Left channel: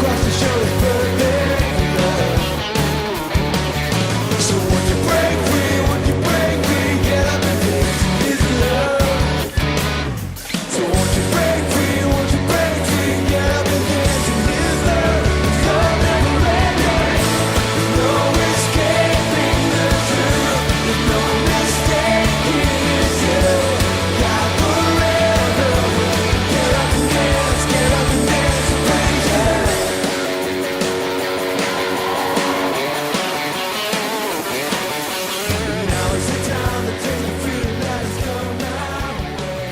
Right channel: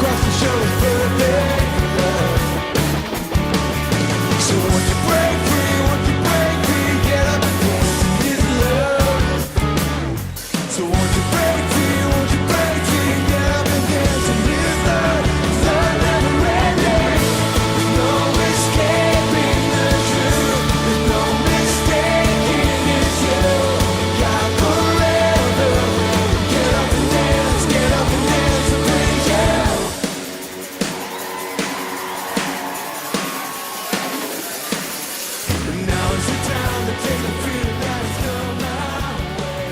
cross to show His perfect love. So won't you break free? Won't you break free? Get up and dance in His love. So won't you break free? Won't you break free? Get up and dance in His love. His love never ending. There's no escaping the truth. There's no mistaking it's you. God forever will get up and dance and praise You. Now is the time to take the freedom that has come our way.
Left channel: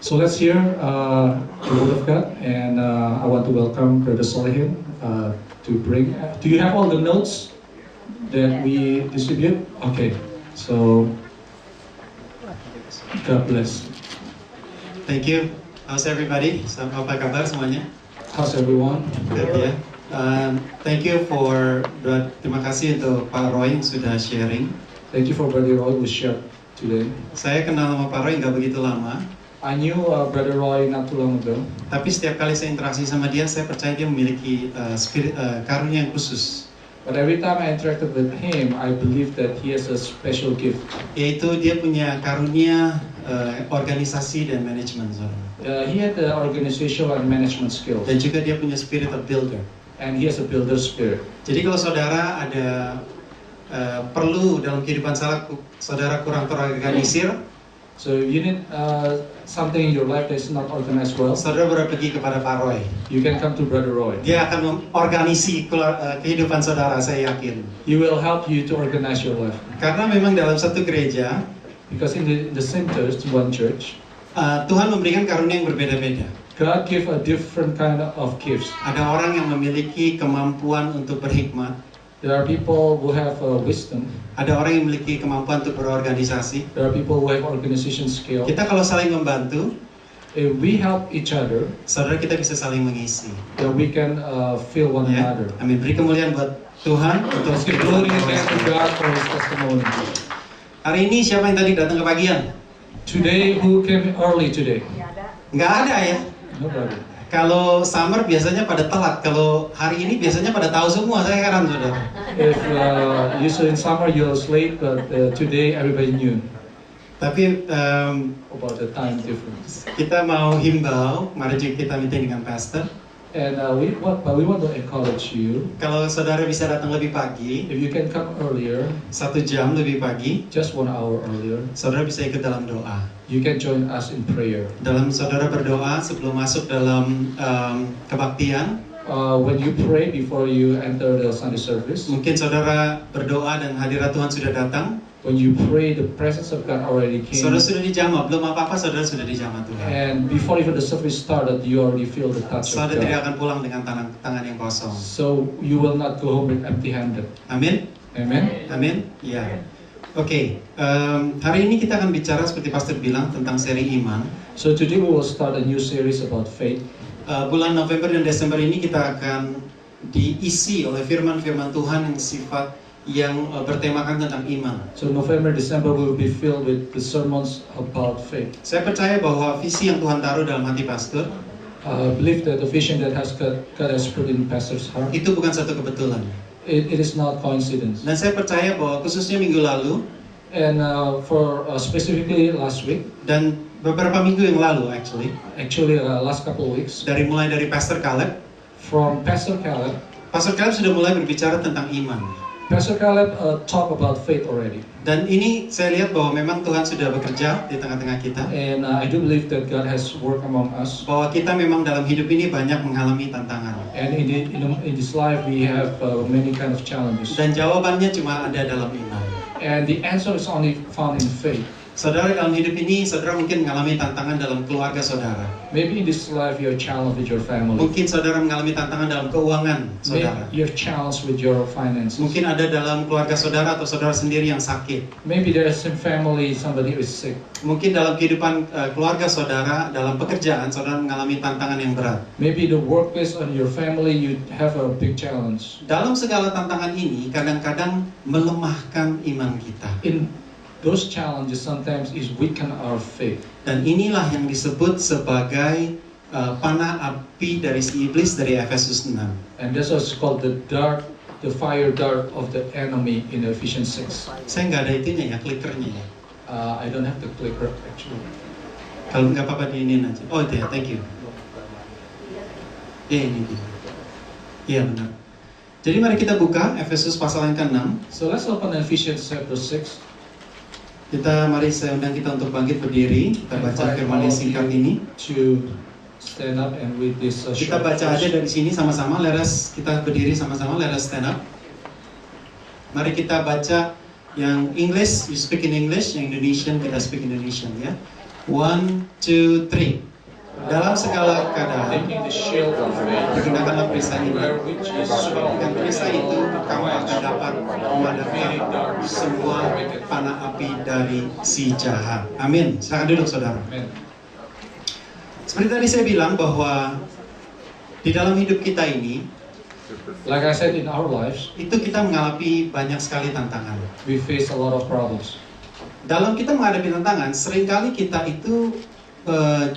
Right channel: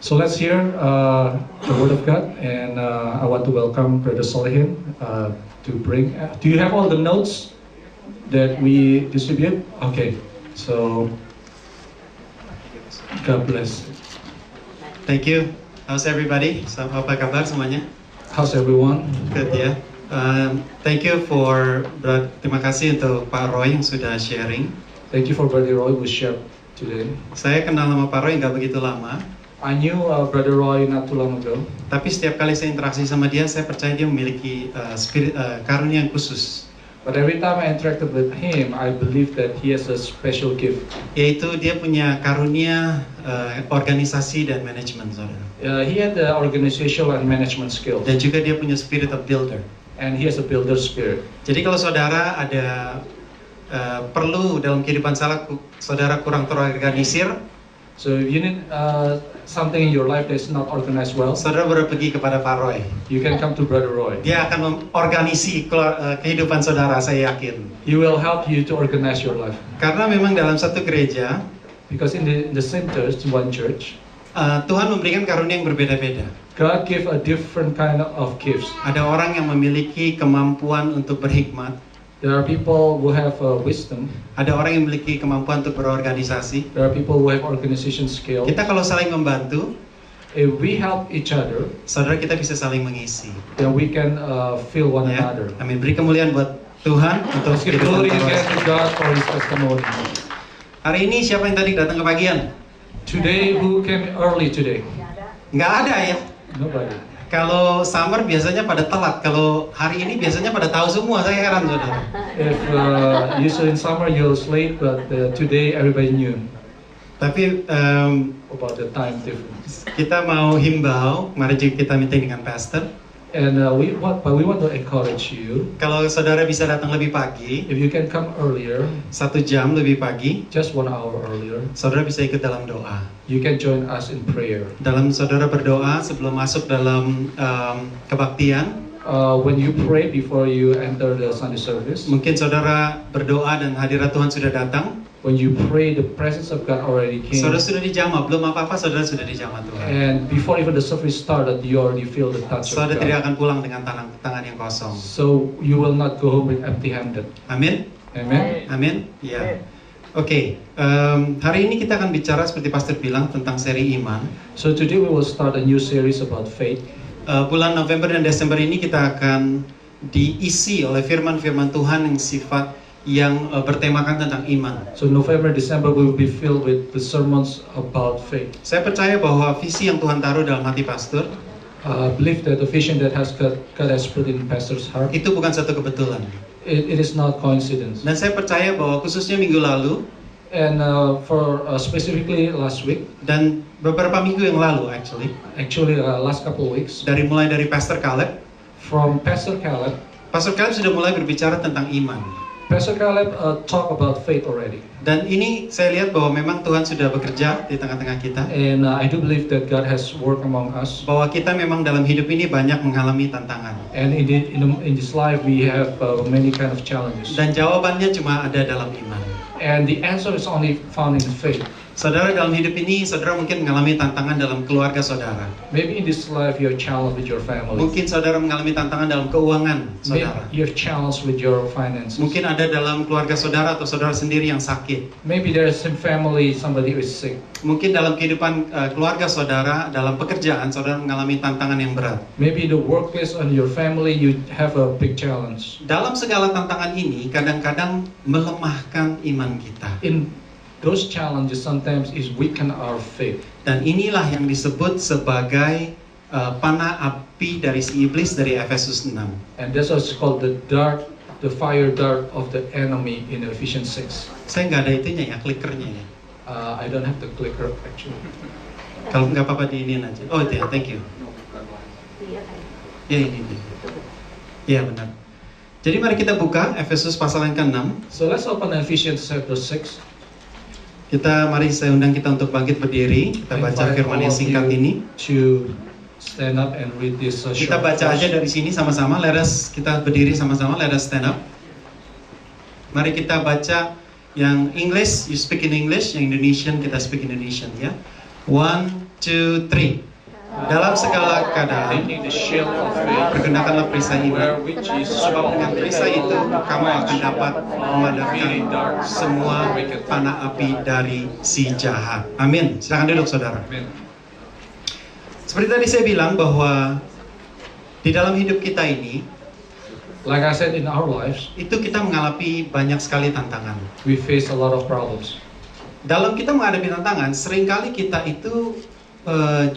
So let's hear the Word of God, and I want to welcome Brother Solihin to bring. Do you have all the notes that we distribute? Okay, so God bless. Thank you. How's everybody? Apa kabar semuanya? How's everyone? Good ya. Thank you terima kasih untuk Pak Roy yang sudah sharing. Thank you for Brother Roy who shared today. Saya kenal sama Pak Roy nggak begitu lama, I knew Brother Roy not too long ago, tapi setiap kali saya interaksi sama dia, saya percaya dia memiliki karunia yang khusus, but every time I interacted with him, I believe that he has a special gift. yaitu dia punya karunia organisasi dan manajemen, saudara. He had the organizational and management skills, Dan juga dia punya spirit of builder. and he has a builder spirit. Jadi kalau saudara ada perlu dalam kehidupan saudara kurang terorganisir, So if you need something in your life that's not organized well, saudara boleh pergi kepada Pak Roy. you can come to Brother Roy. Dia akan mengorganisi kehidupan saudara, saya yakin. He will help you to organize your life. Karena memang dalam satu gereja, Because in the same church, one church, Tuhan memberikan karunia yang berbeda-beda. God give a different kind of gifts. Ada orang yang memiliki kemampuan untuk berhikmat. There are people who have wisdom. Ada orang yang memiliki kemampuan untuk berorganisasi. There are people who have organization skill. Kita kalau saling membantu, If we help each other, saudara kita bisa saling mengisi. then we can feel one Ya, another. amin. Beri kemuliaan buat Tuhan untuk Let's give kehidupan glory again Pak to Roy. God for His testimony. Hari ini siapa yang tadi datang ke pagian? Today, who came early today? Nggak ada ya. Nobody. Kalau summer biasanya pada telat, kalau hari ini biasanya pada tahu semua, saya heran saudara. If usually in summer you're late, but today everybody knew Tapi about the time difference. kita mau himbau, mari juga kita meeting dengan pastor. And we want to encourage you. Kalau saudara bisa datang lebih pagi, If you can come earlier, 1 jam lebih pagi, just 1 hour earlier, saudara bisa ikut dalam doa. you can join us in prayer. Dalam saudara berdoa sebelum masuk dalam kebaktian, When you pray before you enter the Sunday service, mungkin saudara berdoa dan hadirat Tuhan sudah datang. when you pray, the presence of God already came. Saudara sudah dijamah, belum apa-apa saudara sudah dijamah Tuhan. And before even the service started, you already feel the touch of Saudara tidak God. akan pulang dengan tangan yang kosong. So you will not go home with empty-handed. Amin? Amen. Amin? Iya. Oke, hari ini kita akan bicara seperti Pastor bilang tentang seri iman. So today we will start a new series about faith. Bulan November dan Desember ini kita akan diisi oleh firman-firman Tuhan yang bertemakan tentang iman. So November, December we will be filled with the sermons about faith. Saya percaya bahwa visi yang Tuhan taruh dalam hati pastor Believe that the vision that God has put in pastor's heart, itu bukan satu kebetulan. it is not coincidence. Dan saya percaya bahwa khususnya minggu lalu And for specifically last week, dan beberapa minggu yang lalu actually last couple of weeks, mulai dari Pastor Caleb from Pastor Caleb sudah mulai berbicara tentang iman. Pastor Caleb talk about faith already. Dan ini saya lihat bahwa memang Tuhan sudah bekerja di tengah-tengah kita. And I do believe that God has worked among us. Bahwa kita memang dalam hidup ini banyak mengalami tantangan. And in this life we have many kind of challenges. Dan jawabannya cuma ada dalam iman. And the answer is only found in faith. Saudara, dalam hidup ini, saudara mungkin mengalami tantangan dalam keluarga saudara. Maybe in this life you're challenged with your family. Mungkin saudara mengalami tantangan dalam keuangan saudara. Maybe you're challenged with your finances. Mungkin ada dalam keluarga saudara atau saudara sendiri yang sakit. Maybe there's some family, somebody who is sick. Mungkin dalam kehidupan keluarga saudara, dalam pekerjaan saudara mengalami tantangan yang berat. Maybe the workplace and your family, you have a big challenge. Dalam segala tantangan ini, kadang-kadang melemahkan iman kita. In those challenges sometimes is weaken our faith. Dan inilah yang disebut sebagai panah api dari si iblis dari Efesus 6. And that's what's called the fire dart of the enemy in Ephesians 6. Saya nggak ada itunya ya, klikernya ya. I don't have the clicker actually. Kalau nggak apa-apa diinin aja. Oh itu ya, thank you. Ya ini dia. Iya benar. Jadi mari kita buka Efesus pasal yang ke-6. So let's open Ephesians chapter 6. Mari saya undang kita untuk bangkit berdiri. Kita baca firman yang singkat ini. To stand up and read this Kita short baca aja verse. dari sini sama-sama. Kita berdiri sama-sama. Let us stand up. Mari kita baca yang English, you speak in English. Yang Indonesian, kita speak Indonesian ya. 1, 2, 3. Dalam segala keadaan, Taking the shield of faith, pergunakanlah perisai iman. wherewith Jesus Sebab dengan perisai itu kamu akan dapat memadamkan semua panah api dari si jahat. Amin. Silakan duduk saudara. Amen. Seperti tadi saya bilang bahwa di dalam hidup kita ini, Like I said, in our lives, itu kita mengalami banyak sekali tantangan. we face a lot of problems. Dalam kita menghadapi tantangan, seringkali kita itu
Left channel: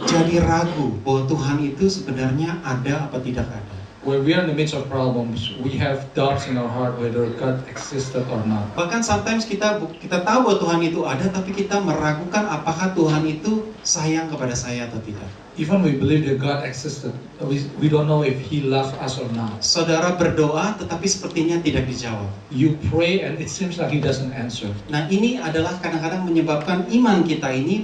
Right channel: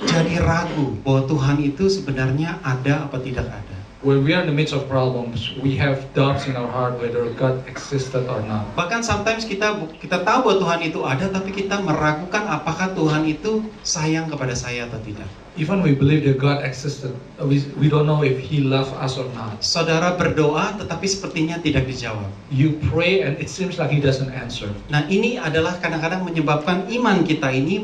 jadi ragu bahwa Tuhan itu sebenarnya ada apa tidak ada. When we are in the midst of problems, we have doubts in our heart whether God existed or not. Bahkan sometimes kita tahu bahwa Tuhan itu ada, tapi kita meragukan apakah Tuhan itu sayang kepada saya atau tidak. Even we believe that God existed, we don't know if He loves us or not. Saudara berdoa, tetapi sepertinya tidak dijawab. You pray and it seems like He doesn't answer. Nah ini adalah kadang-kadang menyebabkan iman kita ini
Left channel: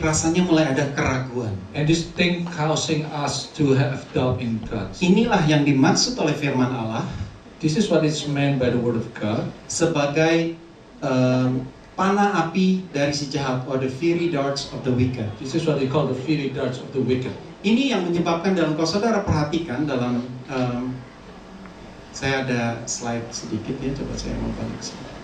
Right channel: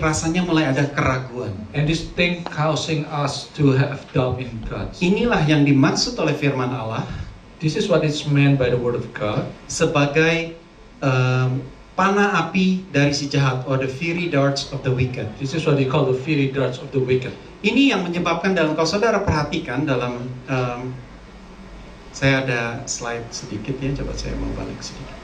rasanya mulai ada keraguan. And this thing causing us to have doubt in God. Inilah yang dimaksud oleh firman Allah This is what is meant by the Word of God. sebagai panah api dari si jahat, or the fiery darts of the wicked. This is what they call the fiery darts of the wicked. Ini yang menyebabkan kalau saudara perhatikan dalam saya ada slide sedikit ya, coba saya mau balik sedikit.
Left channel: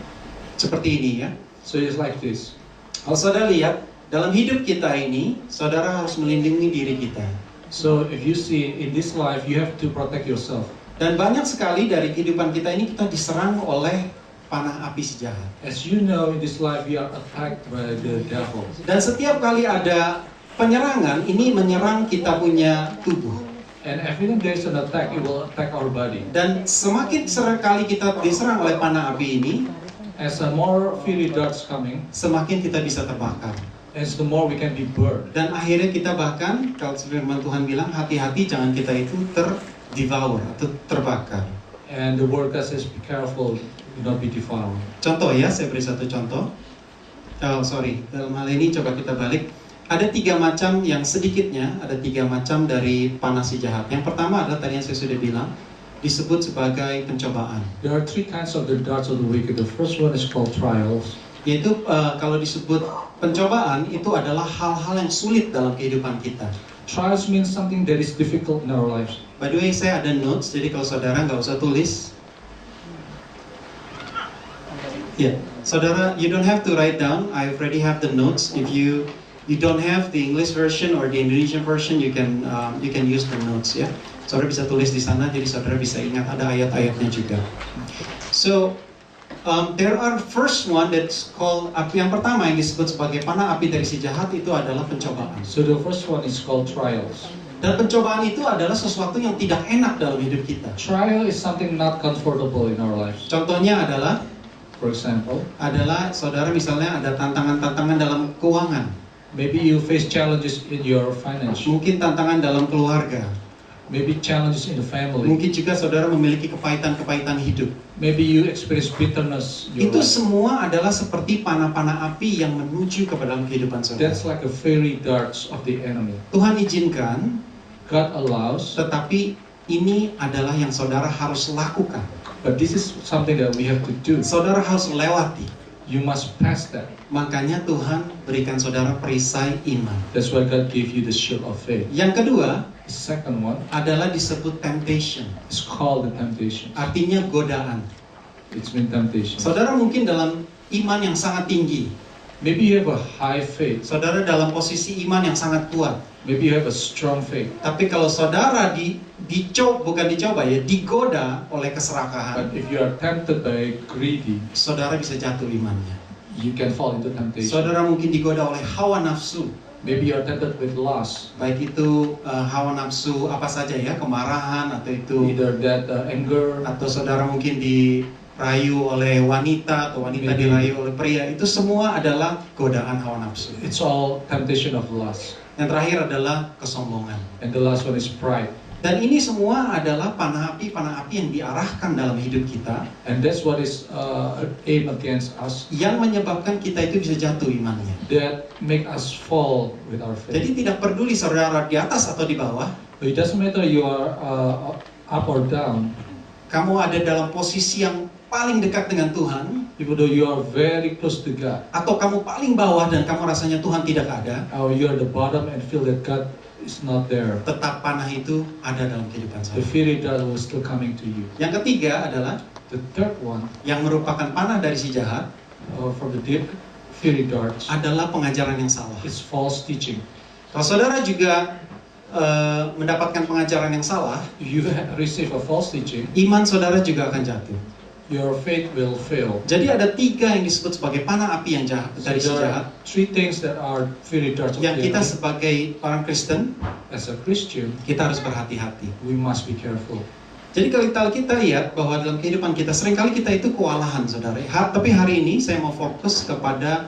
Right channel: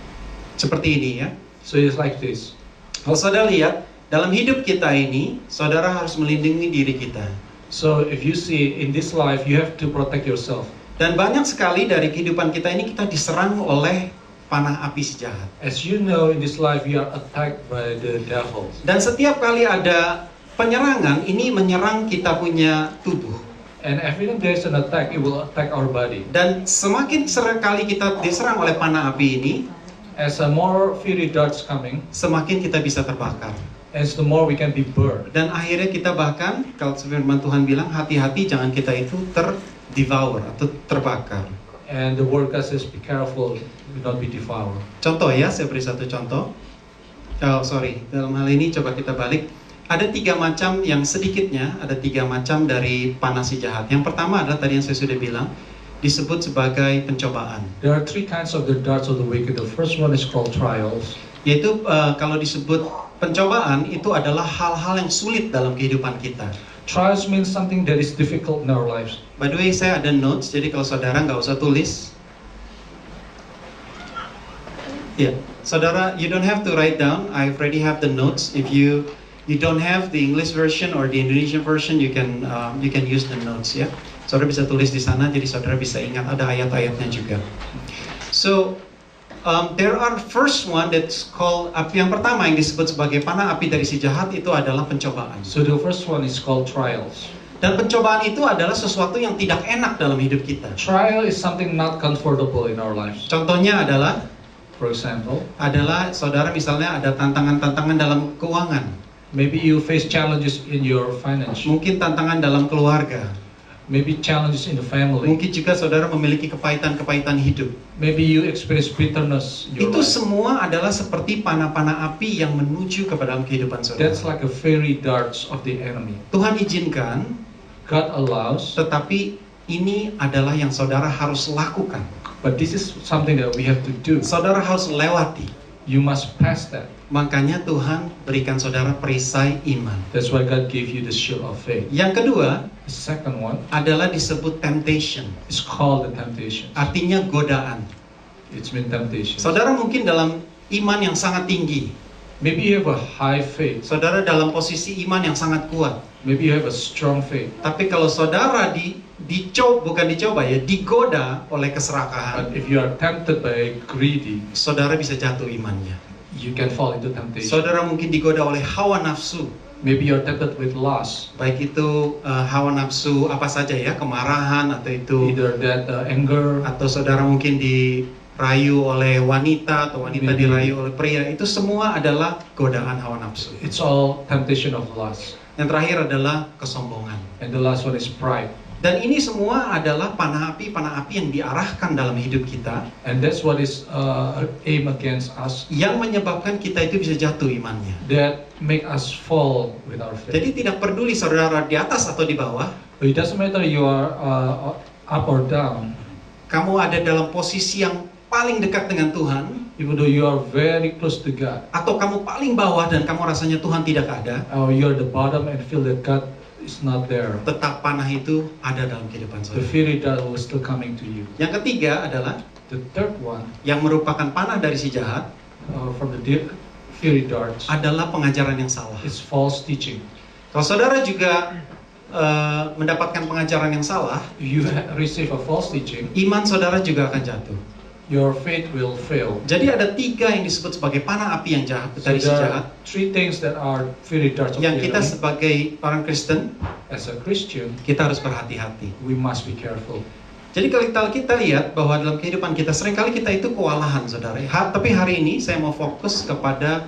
Seperti ini ya. So it's like this. Kalau saudara lihat dalam hidup kita ini, saudara harus melindungi diri kita. So if you see in this life, you have to protect yourself. Dan banyak sekali dari kehidupan kita ini kita diserang oleh panah api si jahat. As you know, in this life, we are attacked by the devil. Dan setiap kali ada penyerangan, ini menyerang kita punya tubuh. And every time there is an attack, it will attack our body. Dan semakin sering kali kita diserang oleh panah api ini, As more fiery darts coming, semakin kita bisa terbakar. as the more we can be burned. Dan akhirnya kita bahkan, kalau firman Tuhan bilang, hati-hati jangan kita itu terdevour atau terbakar. And the word God says, be careful, do not be devoured. Contoh ya, saya beri satu contoh. Dalam hal ini coba kita balik. Ada 3 macam yang sedikitnya, ada 3 macam dari panah si jahat. Yang pertama adalah tadi yang saya sudah bilang, disebut sebagai pencobaan. There are 3 kinds of the darts of the wicked. The first one is called trials. Yaitu kalau disebut pencobaan, itu adalah hal-hal yang sulit dalam kehidupan kita. Trials means something that is difficult in our lives. By the way, saya ada notes, jadi kalau saudara nggak usah tulis. Ya, saudara, you don't have to write down. I already have the notes. If you don't have the English version or the Indonesian version, you can use the notes ya. Saudara bisa tulis di sana, jadi saudara bisa ingat ada ayat-ayatnya juga. So there are first one that's called yang pertama yang disebut sebagai panah api dari si jahat itu adalah pencobaan. So the first one is called trials. Dan pencobaan itu adalah sesuatu yang tidak enak dalam hidup kita. Trial is something not comfortable in our lives. Contohnya adalah saudara misalnya ada tantangan-tantangan dalam keuangan. Maybe you face challenges in your finance. Mungkin tantangan dalam keluarga. Maybe challenges in the family. Mungkin juga saudara memiliki kepahitan-kepahitan hidup. Maybe you experience bitterness in your Itu life. semua adalah seperti panah-panah api yang menuju ke dalam kehidupan saudara. That's like a fiery darts of the enemy. Tuhan izinkan, God allows, tetapi ini adalah yang saudara harus lakukan. but this is something that we have to do. Saudara harus lewati. You must pass that. Makanya Tuhan berikan saudara perisai iman. That's why God gave you the shield of faith. Yang kedua The second one adalah disebut temptation. is called the temptation. Artinya godaan. It's been temptation. Saudara mungkin dalam iman yang sangat tinggi. Maybe you have a high faith. Saudara dalam posisi iman yang sangat kuat. Maybe you have a strong faith. Tapi kalau saudara digoda oleh keserakahan, But if you are tempted by greedy, saudara bisa jatuh imannya. you can fall into temptation. Saudara mungkin digoda oleh hawa nafsu. Maybe you're tempted with lust. Baik itu hawa nafsu apa saja ya, kemarahan atau itu, Either that anger, atau saudara mungkin dirayu oleh wanita atau wanita Maybe. dirayu oleh pria. Itu semua adalah godaan hawa nafsu. it's all temptation of lust. Yang terakhir adalah kesombongan. And the last one is pride. Dan ini semua adalah panah api yang diarahkan dalam hidup kita, And that's what is aimed against us, yang menyebabkan kita itu bisa jatuh imannya. that make us fall with our faith. Jadi tidak peduli saudara di atas atau di bawah, But it doesn't matter you are up or down. kamu ada dalam posisi yang paling dekat dengan Tuhan, Even though you are very close to God, atau kamu paling bawah dan kamu rasanya Tuhan tidak ada, or you are the bottom and feel that God is not there, tetap panah itu ada dalam kehidupan the saudara. fiery dart will still coming to you. Yang ketiga adalah The third one, yang merupakan panah dari si jahat from the fiery darts, adalah pengajaran yang salah. is false teaching. Kalau saudara juga mendapatkan pengajaran yang salah, If you receive a false teaching, iman saudara juga akan jatuh. your faith will fail. Jadi ada 3 yang disebut sebagai panah api yang jahat So dari si there jahat, are 3 things that are fiery darts of yang the kita enemy. sebagai orang Kristen As a Christian, kita harus berhati-hati. we must be careful. Jadi kalau kita lihat bahwa dalam kehidupan kita seringkali kita itu kewalahan, saudara. Tapi hari ini saya mau fokus kepada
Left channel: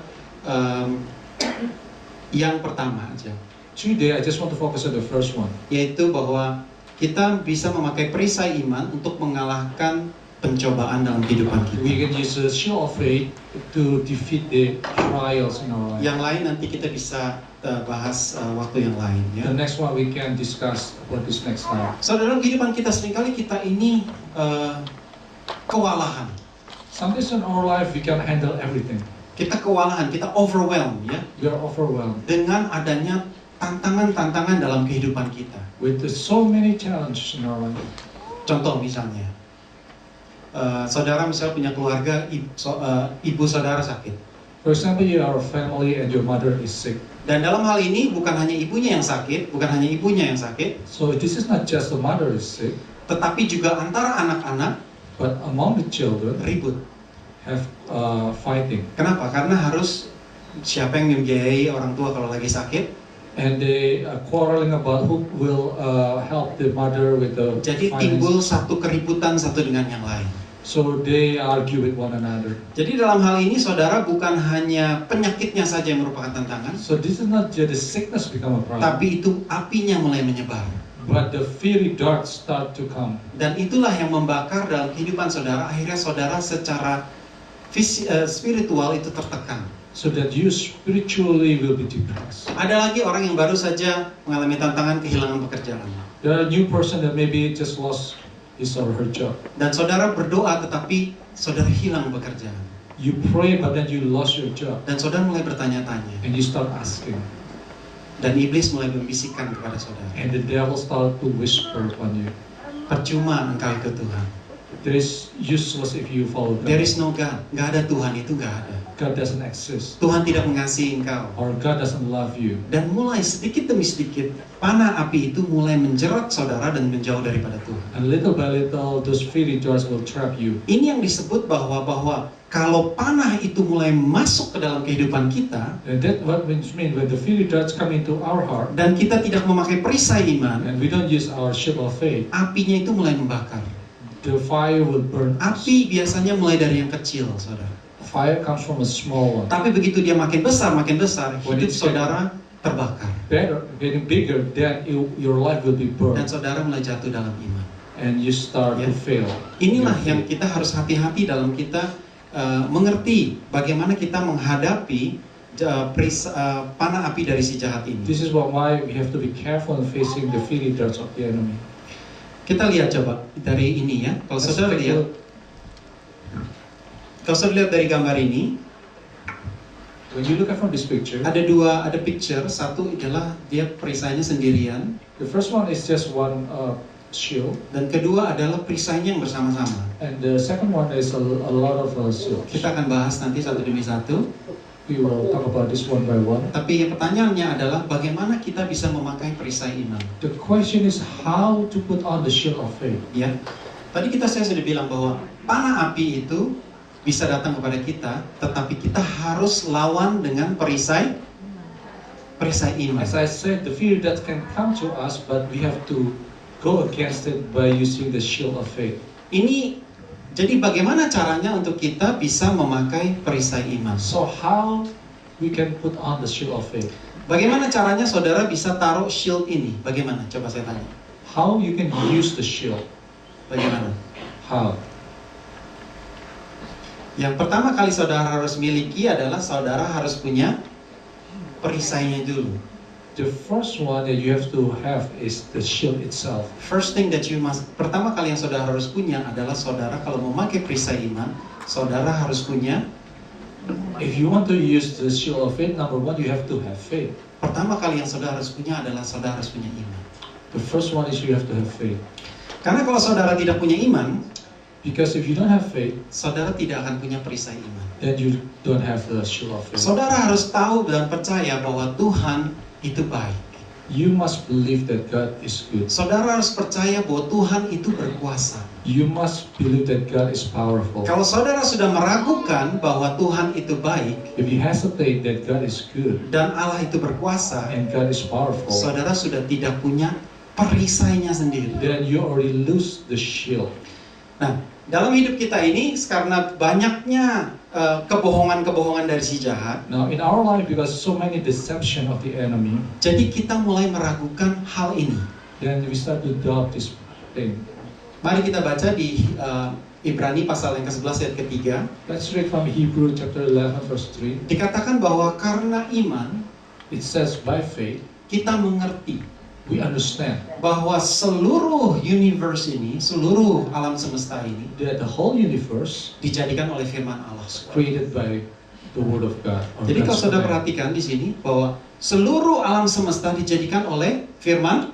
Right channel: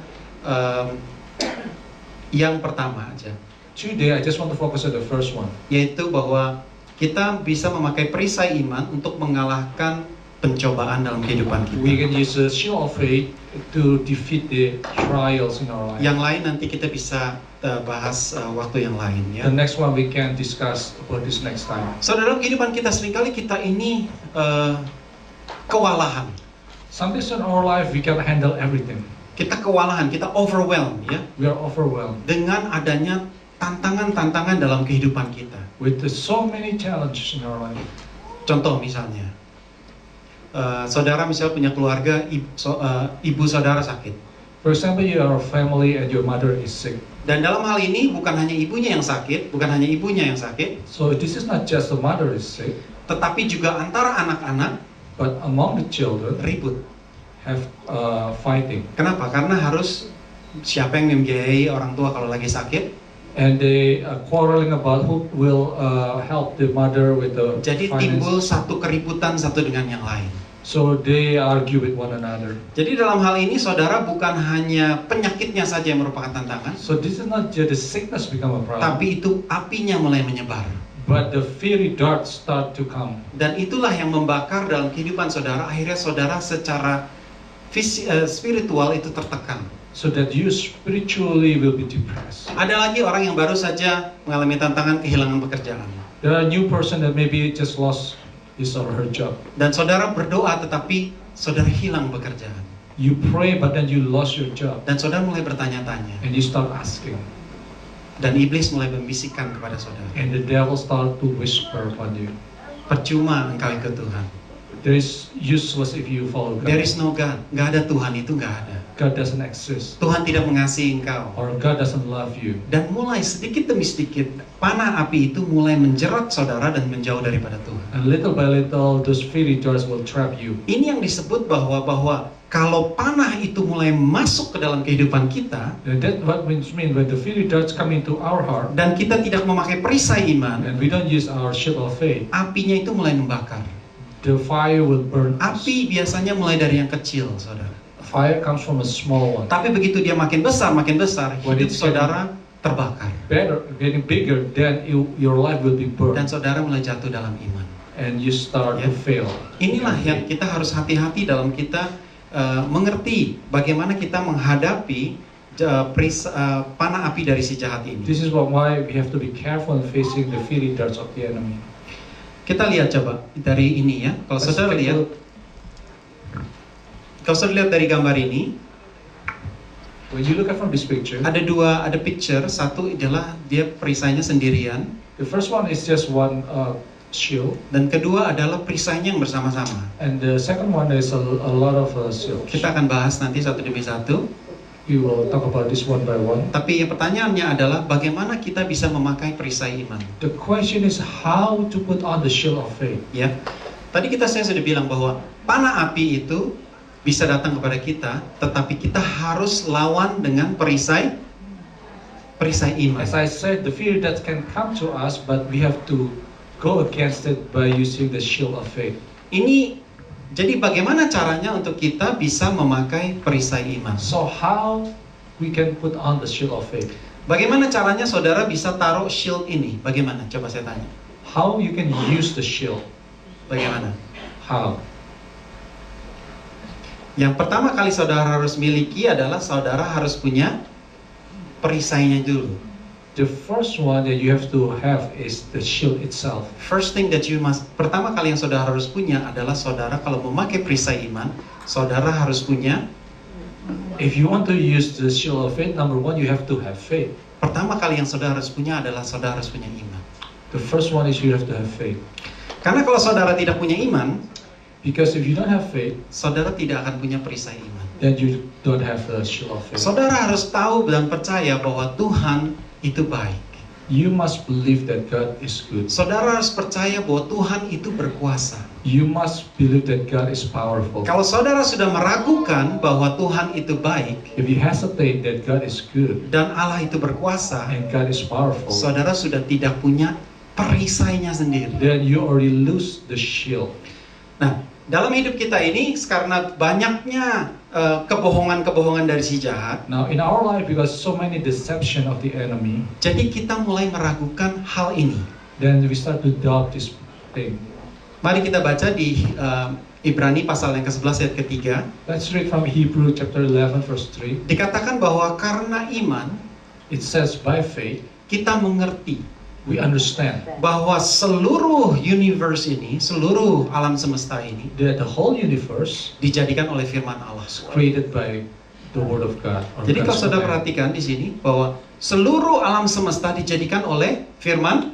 yang pertama aja, Today, I just want to focus on the first one. yaitu bahwa kita bisa memakai perisai iman untuk mengalahkan pencobaan dalam kehidupan We kita. can use the shield of faith to defeat the trials in our life. Yang lain nanti kita bisa bahas waktu yang lain ya. The next one we can discuss about this next time. So dalam kehidupan kita seringkali kita ini kewalahan. Sometimes in our life we can handle everything. Kita kewalahan, kita overwhelmed ya We are overwhelmed dengan adanya tantangan-tantangan dalam kehidupan kita. with so many challenges in our life. Contoh misalnya, saudara misalnya punya keluarga, ibu saudara sakit. For example, you are a family and your mother is sick. Dan dalam hal ini bukan hanya ibunya yang sakit, So this is not just the mother is sick, tetapi juga antara anak-anak but among the children ribut. have fighting. Kenapa? Karena harus siapa yang membiayai orang tua kalau lagi sakit. And they quarreling about who will help the mother with the Jadi finance. timbul satu keributan satu dengan yang lain. So they argue with one another. Jadi dalam hal ini saudara bukan hanya penyakitnya saja yang merupakan tantangan, So this is not just the sickness become a problem, tapi itu apinya mulai menyebar. but the fiery darts start to come. Dan itulah yang membakar dalam kehidupan saudara. Akhirnya saudara secara spiritual itu tertekan. So that you spiritually will be depressed. Ada lagi orang yang baru saja mengalami tantangan kehilangan pekerjaan. There are a new person that maybe just lost his or her job. Dan saudara berdoa tetapi saudara hilang pekerjaan. You pray but then you lost your job. Dan saudara mulai bertanya-tanya. And you start asking. Dan iblis mulai membisikkan kepada saudara. And the devil start to whisper upon you. Percuma engkau ikut Tuhan. There is useless if you follow God. There is no God. Nggak ada Tuhan itu nggak ada. God doesn't exist. Tuhan tidak mengasihi engkau. Or God doesn't love you. Dan mulai sedikit demi sedikit panah api itu mulai menjerat saudara dan menjauh daripada Tuhan. And little by little, those fiery darts will trap you. Ini yang disebut bahwa kalau panah itu mulai masuk ke dalam kehidupan kita And that what means when the fiery darts come into our heart, dan kita tidak memakai perisai iman, and we don't use our shield of faith, apinya itu mulai membakar. the fire will burn us. Api biasanya mulai dari yang kecil, saudara. Fire comes from a small one. Tapi begitu dia makin besar, When hidup it's saudara terbakar. Getting bigger, then your life will be Dan burned. saudara mulai jatuh dalam iman. And you start Ya. to fail. Inilah yang kita harus hati-hati dalam kita mengerti bagaimana kita menghadapi panah api dari si jahat ini. This is why we have to be careful in facing the fiery darts of the enemy. Kita lihat coba dari ini ya. Kalau Let's saudara take a lihat, look. kalau saudara lihat dari gambar ini, When you look at from this picture, ada picture. Satu adalah dia perisainya sendirian, the first one is just one shield, dan kedua adalah perisainya yang bersama-sama. and the second one is a lot of shields. Kita akan bahas nanti satu demi satu. We will talk about this one by one. Tapi yang pertanyaannya adalah bagaimana kita bisa memakai perisai iman? The question is how to put on the shield of faith. Ya, tadi saya sudah bilang bahwa panah api itu bisa datang kepada kita, tetapi kita harus lawan dengan perisai iman. As I said, the fear that can come to us, but we have to go against it by using the shield of faith. Jadi bagaimana caranya untuk kita bisa memakai perisai iman? So how we can put on the shield of faith? Bagaimana caranya saudara bisa taruh shield ini? Bagaimana? Coba saya tanya. How you can use the shield? Bagaimana? How? Yang pertama kali saudara harus miliki adalah saudara harus punya perisainya dulu. The first one that you have to have is the shield itself. Pertama kali yang saudara harus punya adalah saudara kalau memakai perisai iman, saudara harus punya. If you want to use the shield of faith, number one, you have to have faith. Pertama kali yang saudara harus punya adalah saudara harus punya iman. The first one is you have to have faith. Karena kalau saudara tidak punya iman, Because if you don't have faith, saudara tidak akan punya perisai iman. then you don't have the shield of faith. Saudara harus tahu dan percaya bahwa Tuhan itu baik. You must believe that God is good. Saudara harus percaya bahwa Tuhan itu berkuasa. You must believe that God is powerful. Kalau saudara sudah meragukan bahwa Tuhan itu baik If you hesitate that God is good dan Allah itu berkuasa, and God is powerful, saudara sudah tidak punya perisainya sendiri. then you already lose the shield. Nah, dalam hidup kita ini karena banyaknya kebohongan-kebohongan dari si jahat, Now in our life, because so many deception of the enemy, jadi kita mulai meragukan hal ini. then we start to doubt this thing. Mari kita baca di Ibrani pasal yang ke-11 ayat ketiga. Let's read from Hebrew chapter 11 verse 3. Dikatakan bahwa karena iman It says, by faith, kita mengerti we understand bahwa seluruh universe ini, seluruh alam semesta ini that the whole universe dijadikan oleh firman Allah. is created by the word of God. or Jadi kalau God's saudara command. perhatikan di sini bahwa seluruh alam semesta dijadikan oleh firman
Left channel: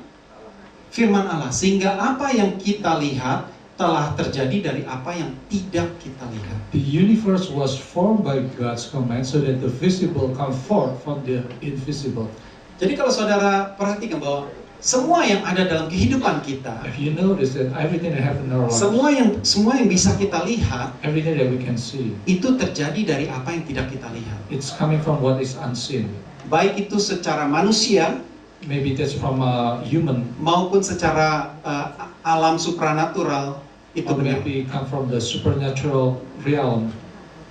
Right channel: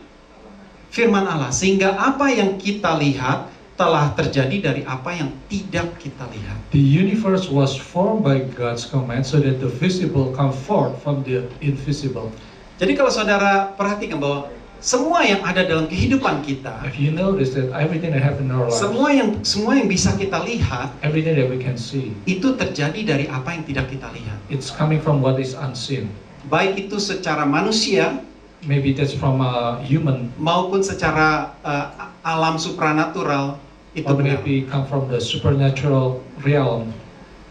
Allah, sehingga apa yang kita lihat telah terjadi dari apa yang tidak kita lihat. The universe was formed by God's command so that the visible come forth from the invisible. Jadi kalau saudara perhatikan bahwa semua yang ada dalam kehidupan kita, If you notice that everything that happened in our lives, semua yang bisa kita lihat everything that we can see, itu terjadi dari apa yang tidak kita lihat. it's coming from what is unseen. Baik itu secara manusia Maybe that's from a human, maupun secara alam supranatural itu or benar. maybe come from the supernatural realm.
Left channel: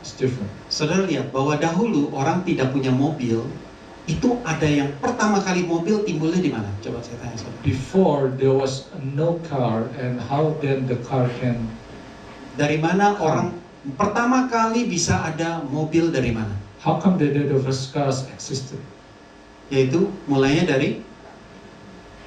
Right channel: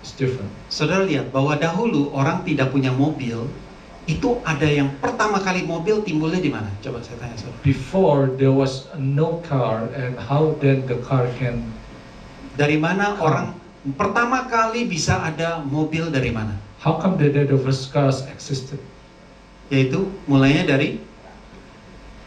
It's different. Saudara lihat bahwa dahulu orang tidak punya mobil, itu ada yang pertama kali mobil timbulnya di mana? Coba saya tanya saudara. Before there was no car, and how then the car can? Dari mana orang pertama kali bisa ada mobil dari mana? How come that the first cars existed? Yaitu mulainya dari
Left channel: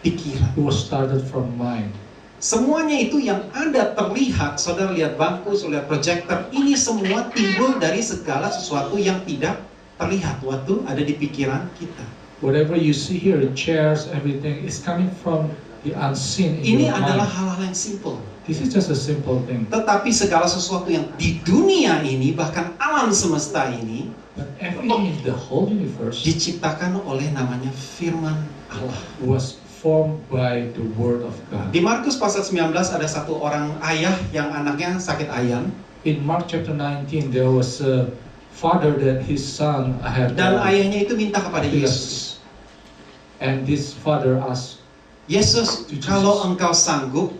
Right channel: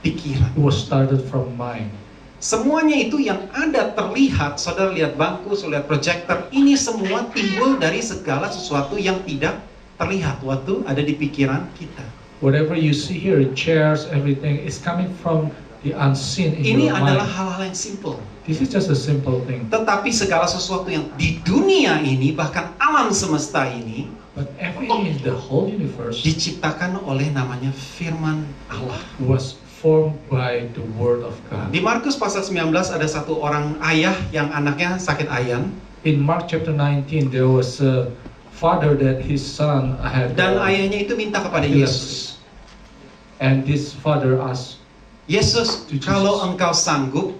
pikiran. It was started from mind. Semuanya itu yang ada terlihat, saudara lihat bangku, saudara lihat proyektor, ini semua timbul dari segala sesuatu yang tidak terlihat waktu ada di pikiran kita. Whatever you see here, chairs, everything is coming from the unseen in Ini your adalah mind. hal-hal yang simple. This is just a simple thing. Tetapi segala sesuatu yang di dunia ini, bahkan alam semesta ini, But everything in the whole universe diciptakan oleh namanya firman Allah. was formed by the word of God. Di Markus pasal 19 ada satu orang ayah yang anaknya sakit ayan. In Mark chapter 19, there was a father that his son had Dan ayahnya itu minta kepada Yesus. And this father asked, Yesus, To Jesus. kalau engkau sanggup,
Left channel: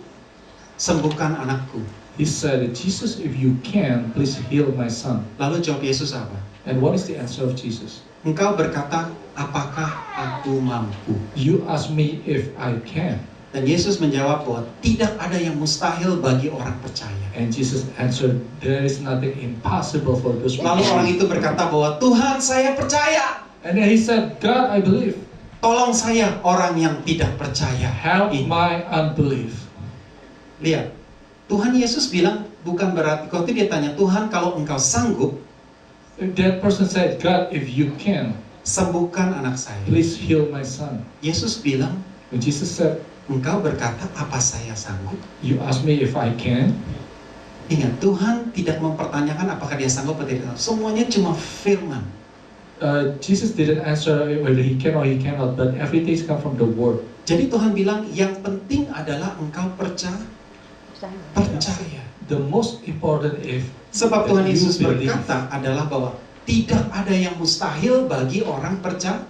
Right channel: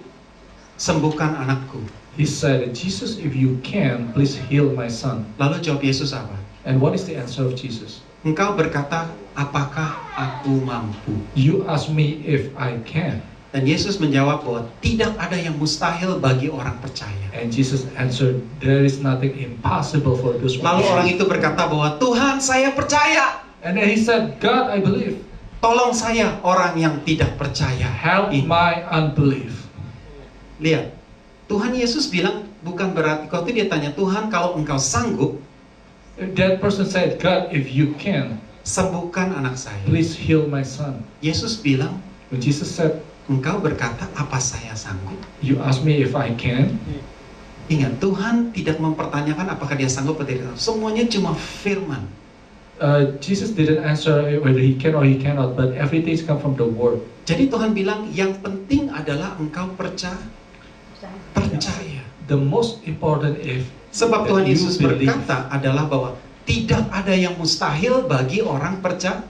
sembuhkan anakku. he said, Jesus, if you can, please heal my son. Lalu jawab Yesus apa? And what is the answer of Jesus? Engkau berkata, apakah aku mampu? You ask me if I can. Dan Yesus menjawab bahwa tidak ada yang mustahil bagi orang percaya. And Jesus answered, there is nothing impossible for those who Lalu orang believe. itu berkata bahwa Tuhan, saya percaya. And then he said, God, I believe. Tolong saya orang yang tidak percaya. Help Ini. my unbelief. Lihat, Tuhan Yesus bilang bukan berarti, kalau dia tanya Tuhan kalau engkau sanggup, that person said, God, if you can, sembuhkan anak saya. please heal my son. Yesus bilang, When Jesus said, engkau berkata, apa saya sanggup? you ask me if I can, Ingat, Tuhan tidak mempertanyakan apakah dia sanggup atau tidak. Semuanya cuma firman. Jesus didn't answer whether he can or he cannot, but everything's come from the word. Jadi Tuhan bilang, yang penting adalah engkau percaya. The most important if Sebab that Tuhan you Yesus believe, berkata adalah bahwa tidak ada yang mustahil bagi orang percaya.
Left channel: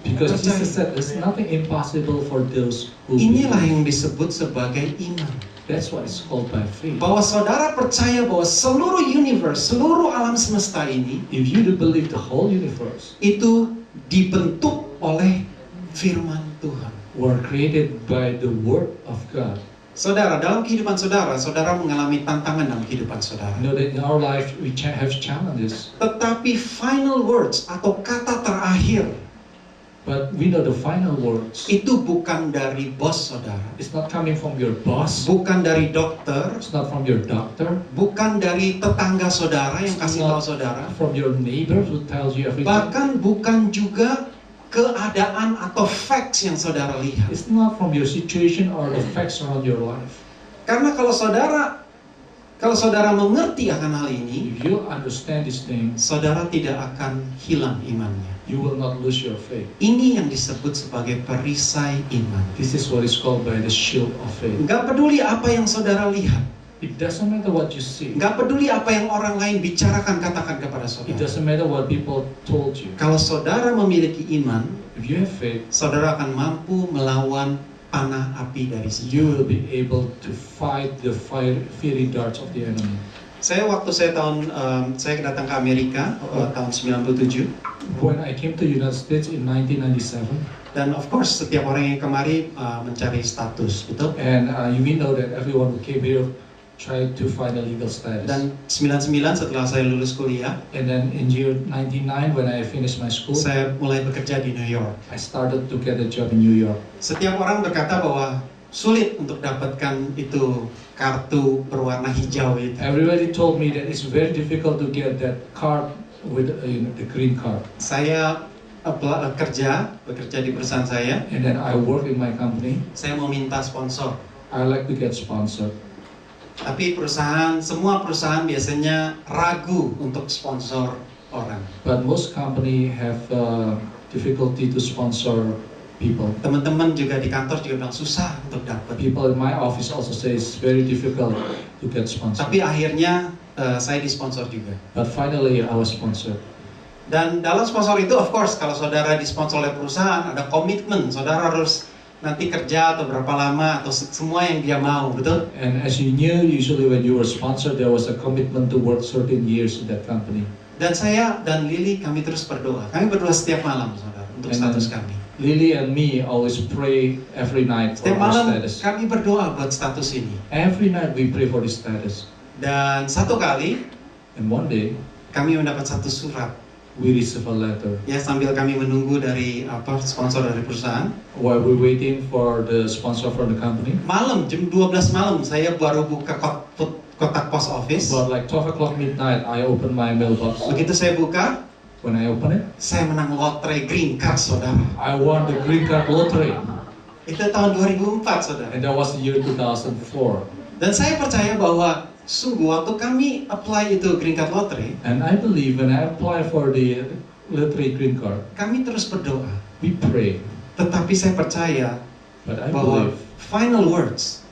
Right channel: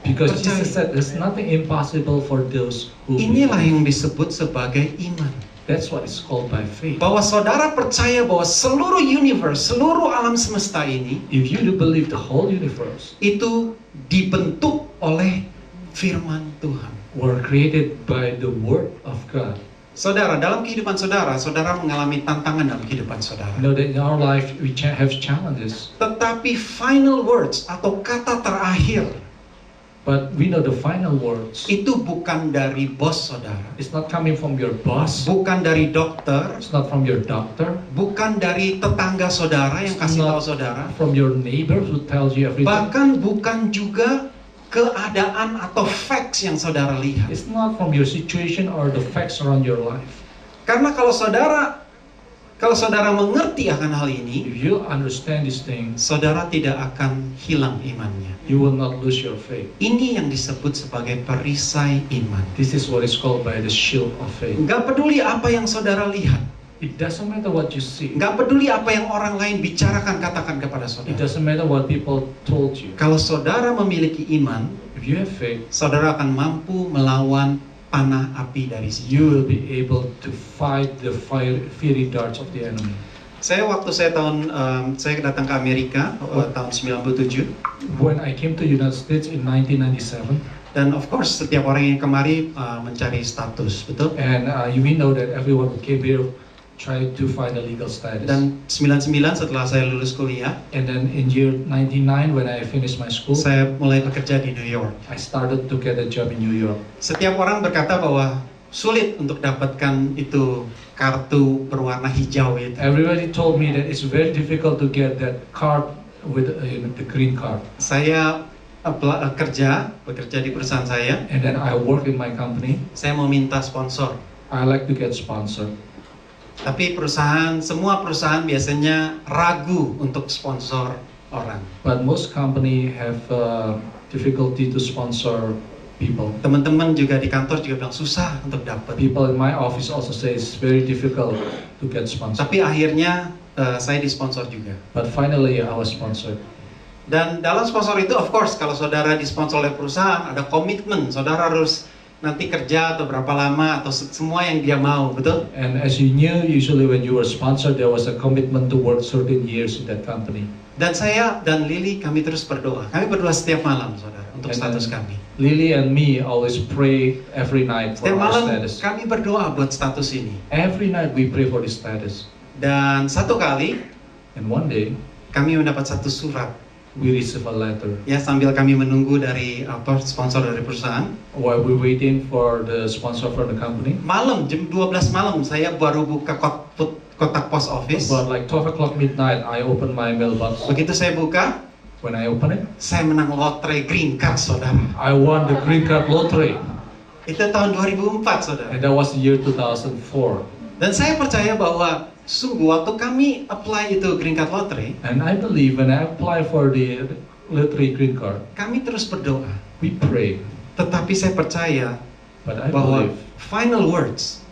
because percaya. Jesus said there's nothing impossible for those who Inilah believe. yang disebut sebagai iman. That's what it's called by faith. Bahwa saudara percaya bahwa seluruh universe, seluruh alam semesta ini If you do believe the whole universe itu dibentuk oleh firman Tuhan. were created by the word of God, Saudara, dalam kehidupan saudara, saudara mengalami tantangan dalam kehidupan saudara. know that in our life we have challenges, Tetapi final words atau kata terakhir but we know the final words. itu bukan dari bos saudara, It's not coming from your boss. bukan dari dokter, It's not from your doctor. bukan dari tetangga saudara yang kasih tahu saudara, From your neighbor who tells you everything. bahkan bukan juga keadaan atau facts yang saudara lihat. It's not from your situation or the facts around your life. Karena kalau saudara mengerti akan hal ini, If you understand these things, saudara tidak akan hilang imannya. you will not lose your faith. Ini yang disebut sebagai perisai iman. This is what is called by the shield of faith. Nggak peduli apa yang saudara lihat, It doesn't matter what you see. nggak peduli apa yang orang lain bicarakan, katakan kepada It saudara. doesn't matter what people told you. Kalau saudara memiliki iman, If you have faith, saudara akan mampu melawan panah api dari si. you will be able to fight the fiery darts of the enemy. Saya saya datang ke Amerika tahun 97. When I came to United States in 1997, Dan of course setiap orang yang kemari mencari status, betul? and we know that everyone who came here tried to find a legal status. Dan 99 setelah saya lulus kuliah, And then in year 99, when I finished my school, saya mulai bekerja di New York. I started to get a job in New York. Setiap orang berkata bahwa sulit untuk dapatkan itu kartu berwarna hijau itu. Everybody told me that it's very difficult to get that card with the green card. Saya bekerja di perusahaan saya. And then I work in my company. Saya mau minta sponsor. I like to get sponsored. Tapi semua perusahaan biasanya ragu untuk sponsor orang. But most company have difficulty to sponsor people. Teman-teman juga di kantor juga bilang susah untuk dapat. People in my office also say it's very difficult to get sponsored. Tapi akhirnya saya disponsor juga. But finally I was sponsored. Dan dalam sponsor itu, of course, kalau saudara disponsor oleh perusahaan, ada komitmen. Saudara harus nanti kerja atau berapa lama atau semua yang dia mau, betul? And as you knew, usually when you were sponsored, there was a commitment to work certain years in that company. Dan saya dan Lily, kami terus berdoa. Kami berdoa setiap malam, saudara, untuk And status then kami. Lily and me always pray every night for Setiap our malam status. kami berdoa buat status ini. Every night we pray for the status. Dan satu kali, And one day, kami mendapat satu surat. we receive a letter. Ya, sambil kami menunggu dari sponsor dari perusahaan. While we're waiting for the sponsor from the company, Malam, jam 12 malam, saya baru buka kotak post office. about like 12 o'clock midnight, I open my mailbox. Begitu saya buka, When I open it, saya menang lotre green card, saudara. I won the green card lottery. Itu tahun 2004, saudara. And that was the year 2004. Dan saya percaya bahwa sungguh waktu kami apply itu green card lottery, And I believe when I apply for the lottery green card, kami terus berdoa. we pray. Tetapi saya percaya But I bahwa believe final words,